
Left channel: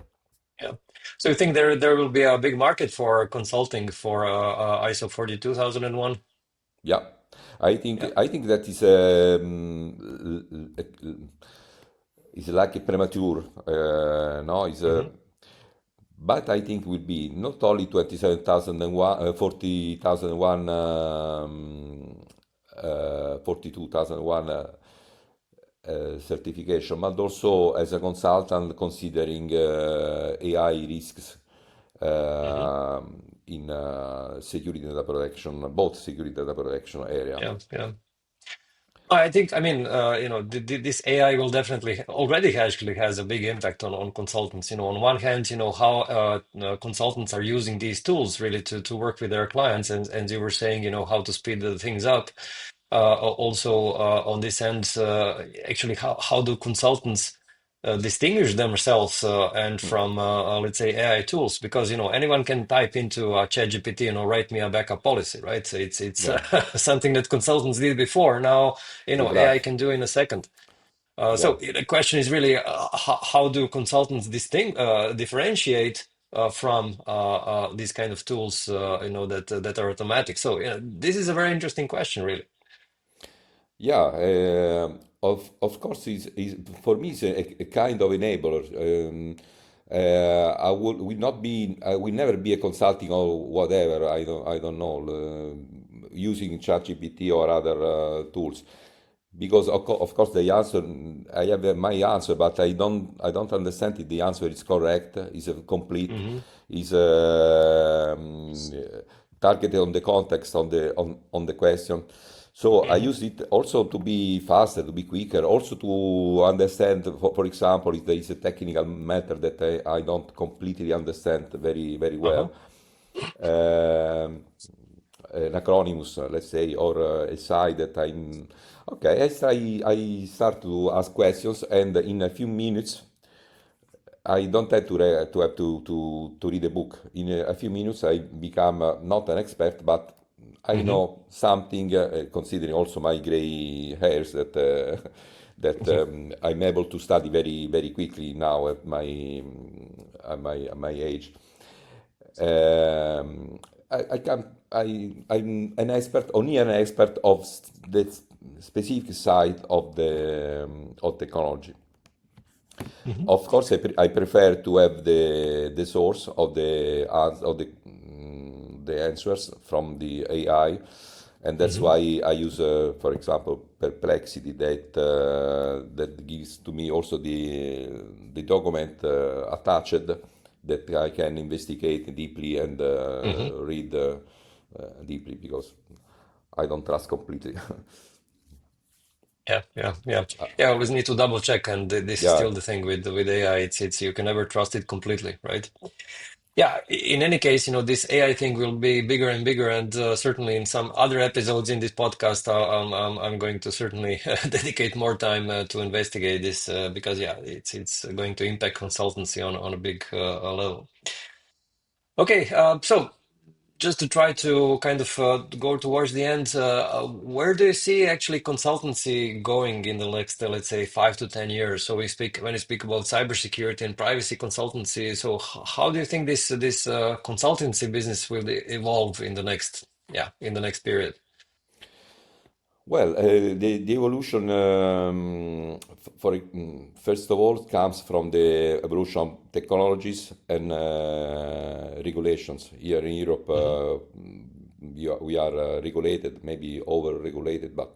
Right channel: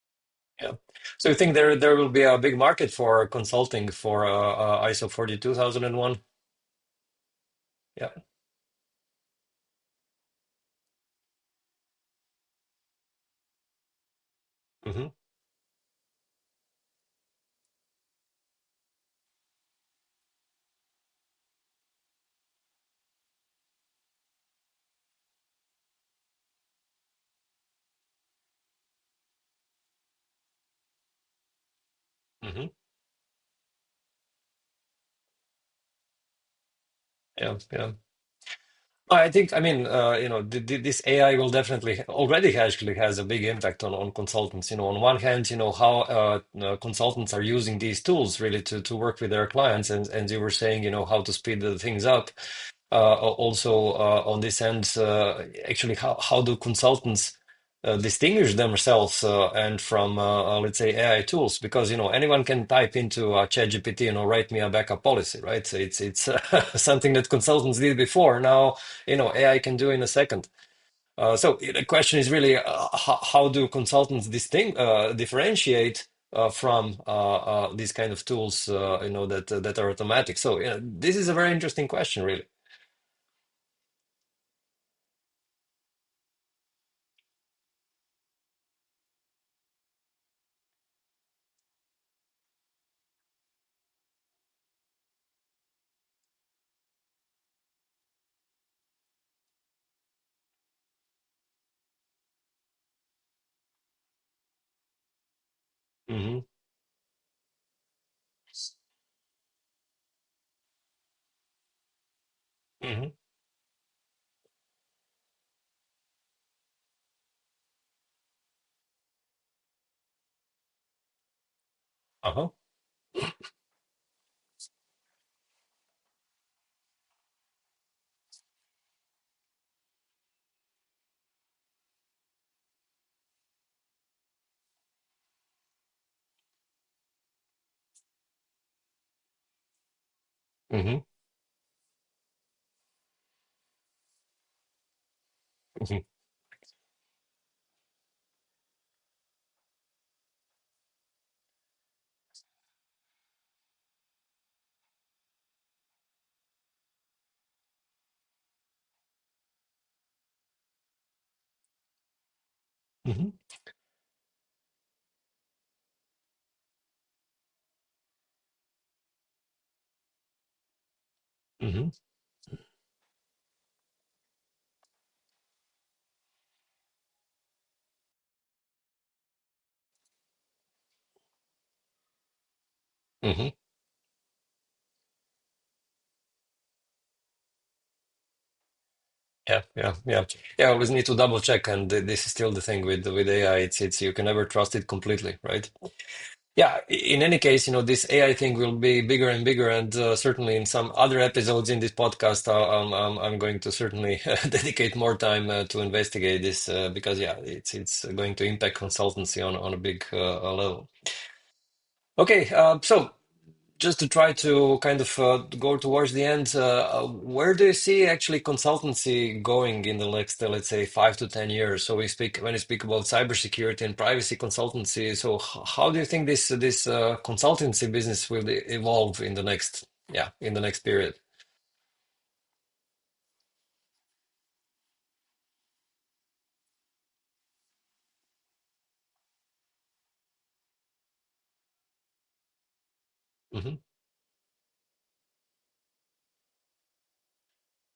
Yeah. So you think there will be a big market for consulting for ISO 42001? Yeah, Yeah. I think that is like a premature, no, is Hmm. but I think will be not only 27,001, 40,001, 42,001 certification, but also as a consultant considering AI risks Hmm. in security data protection, both security data protection area. Yeah. Yeah. I think, I mean, this AI will definitely already actually has a big impact on consultants. On one hand, how consultants are using these tools really to work with their clients, and you were saying, how to speed the things up. Also, on this end, actually, how do consultants distinguish themselves and Mm. from, let's say, AI tools? Because anyone can type into ChatGPT, write me a backup policy, right? So it's Yeah, something that consultants did before. Now, AI exactly. can do in a second. Yeah. So the question is really, how do consultants differentiate from these kind of tools, that are automatic? So, this is a very interesting question, really. Yeah, of course, is for me it's a kind of enabler. I will not be, I will never be a consulting or whatever. I don't know, using ChatGPT or other tools, because of course the answer, I have my answer, but I don't understand if the answer is correct, is complete, Hmm. is targeted on the context, on the question. So I Hmm. use it also to be faster, to be quicker, also to understand, for example, if there is a technical matter that I don't completely understand very, very well, Uh-huh. um, an acronymus, let's say, or a site that I'm okay. I start to ask questions, and in a few minutes, I don't have to read a book. In a few minutes, I become not an expert, but I Hmm. know something, considering also my gray hairs, that that I'm able to study very, very quickly now at my age. I can I'm an expert, only an expert of the specific side of technology. Hmm. Of course, I prefer to have the source of the answers from the AI, and that's Hmm. why I use, for example, Perplexity, that gives to me also the document attached, that I can investigate deeply and Hmm. read deeply, because I don't trust completely. Yeah, yeah, yeah. Uh, Yeah, I always need to double check, and this is yeah. still the thing with AI. It's you can never trust it completely, right? Yeah, in any case, this AI thing will be bigger and bigger, and certainly in some other episodes in this podcast, I'm going to certainly dedicate more time to investigate this because yeah, it's going to impact consultancy on a big level. Okay, so just to try to kind of go towards the end, where do you see actually consultancy going in the next, let's say, 5 to 10 years? So when we speak about cybersecurity and privacy consultancy. So how do you think this consultancy business will evolve in the next, yeah, in the next period? Well, the evolution, first of all, comes from the evolution of technologies and regulations. Here in Europe, Hmm. we are regulated, maybe over-regulated, but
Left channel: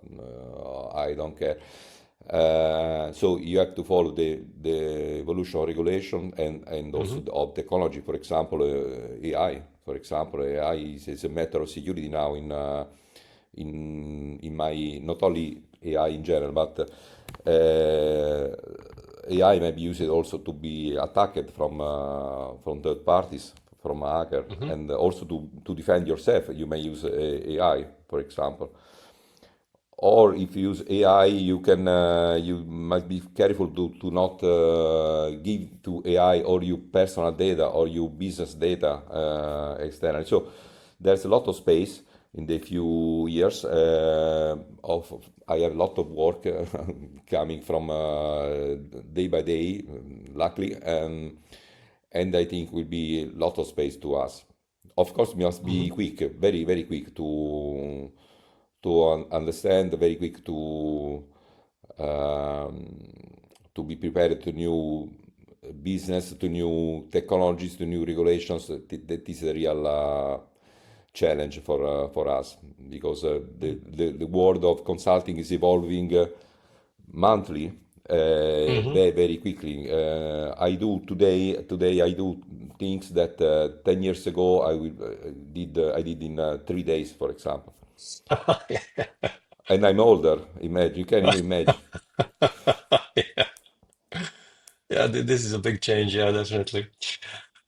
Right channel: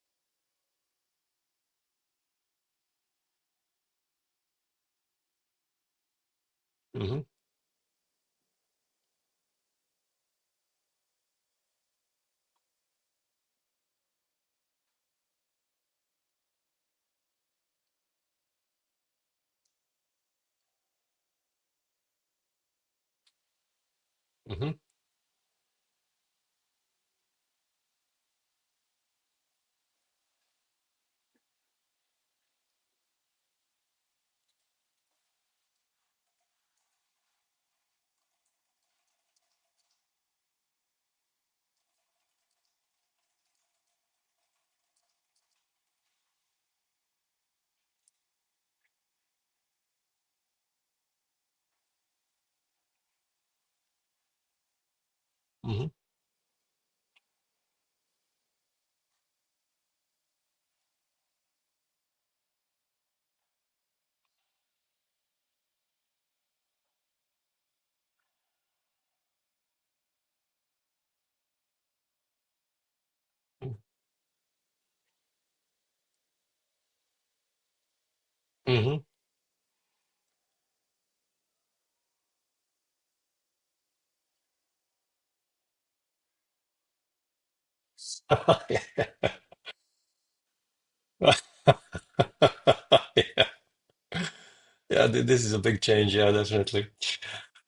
I don't care. So you have to follow the evolution of regulation, and also Hmm. of technology. For example, AI. For example, AI is a matter of security now in my, not only AI in general, but AI may be used also to be attacked from third parties, from a hacker, Hmm. and also to defend yourself. You may use AI, for example. Or if you use AI, you must be careful to not give to AI or your personal data or your business data externally. So there's a lot of space in the few years. I have a lot of work coming from day by day, luckily, and I think will be a lot of space to us. Of course, we must Hmm. be quick, very, very quick to understand, very quick um, to be prepared to new business, to new technologies, to new regulations. That is a real challenge for us, because the world of consulting is evolving monthly, Hmm. very, very quickly. I do things that 10 years ago I did in 3 days, for example. And I'm older. Imagine, you can imagine. Yeah, yeah, this is a big change. Yeah, definitely.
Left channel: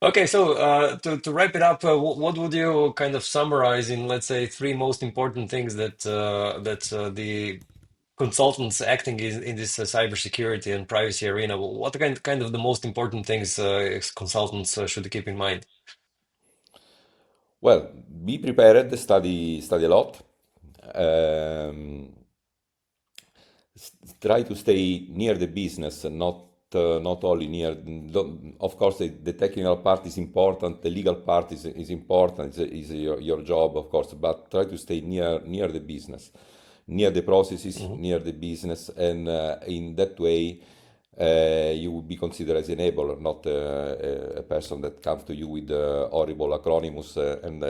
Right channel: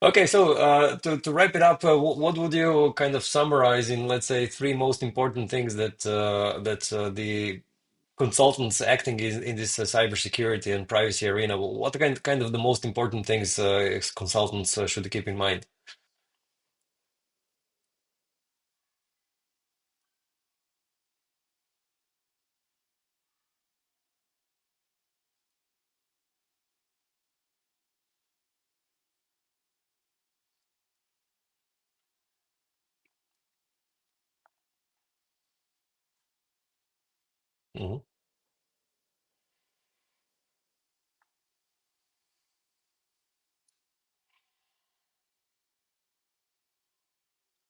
Okay, so to wrap it up, what would you kind of summarize in, let's say, three most important things that the consultants acting in this cybersecurity and privacy arena? What are kind of the most important things consultants should keep in mind? Well, be prepared, study a lot. Um, Try to stay near the business and not only near. Of course, the technical part is important, the legal part is important, is your job, of course, but try to stay near the business, near the processes, Hmm. near the business, and in that way, you will be considered as enabler, not a person that comes to you with horrible acronyms and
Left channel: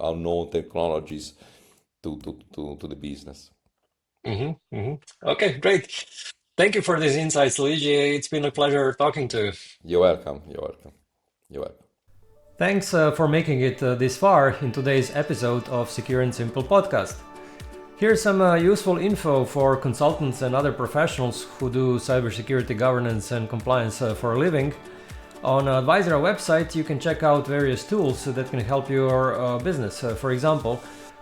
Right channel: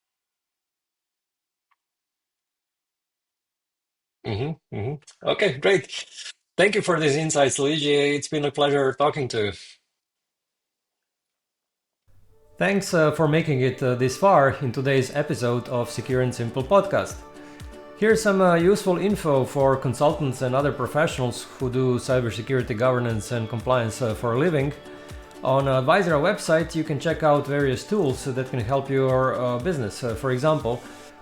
unknown technologies to the business. Hmm. Hmm. Okay, great. Thank you for these insights, Luigi. It's been a pleasure talking to you. You're welcome. You're welcome. You're welcome. Thanks for making it this far in today's episode of Secure and Simple podcast. Here's some useful info for consultants and other professionals who do cybersecurity governance and compliance for a living. On Advisera website, you can check out various tools that can help your business. For example,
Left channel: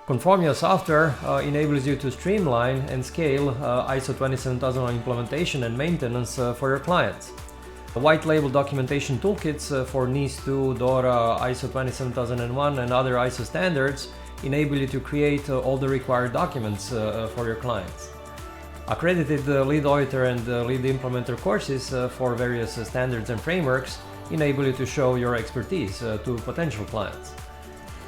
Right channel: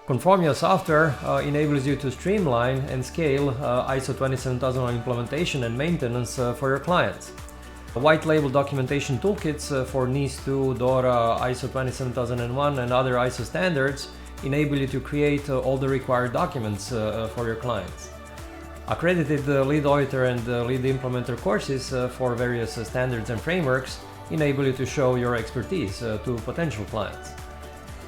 Conformio software enables you to streamline and scale ISO 27001 implementation and maintenance for your clients. White label documentation toolkits for NIS2, DORA, ISO 27001 and other ISO standards enable you to create all the required documents for your clients. Accredited lead auditor and lead implementer courses for various standards and frameworks enable you to show your expertise to potential clients.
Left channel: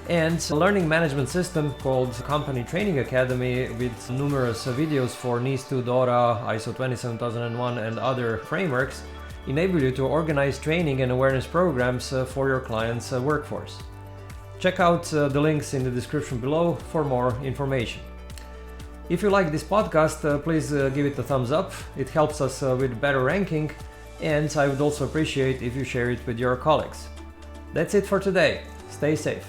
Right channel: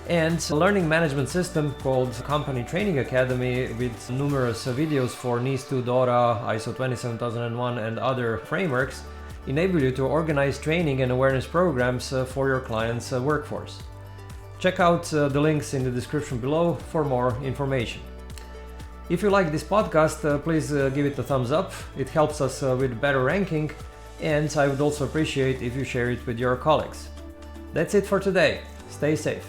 And a learning management system called Company Training Academy with numerous videos for NIS2, DORA, ISO 27001 and other frameworks enable you to organize training and awareness programs for your clients' workforce. Check out the links in the description below for more information. If you like this podcast, please give it a thumbs up. It helps us with better ranking, and I would also appreciate if you share it with your colleagues. That's it for today. Stay safe.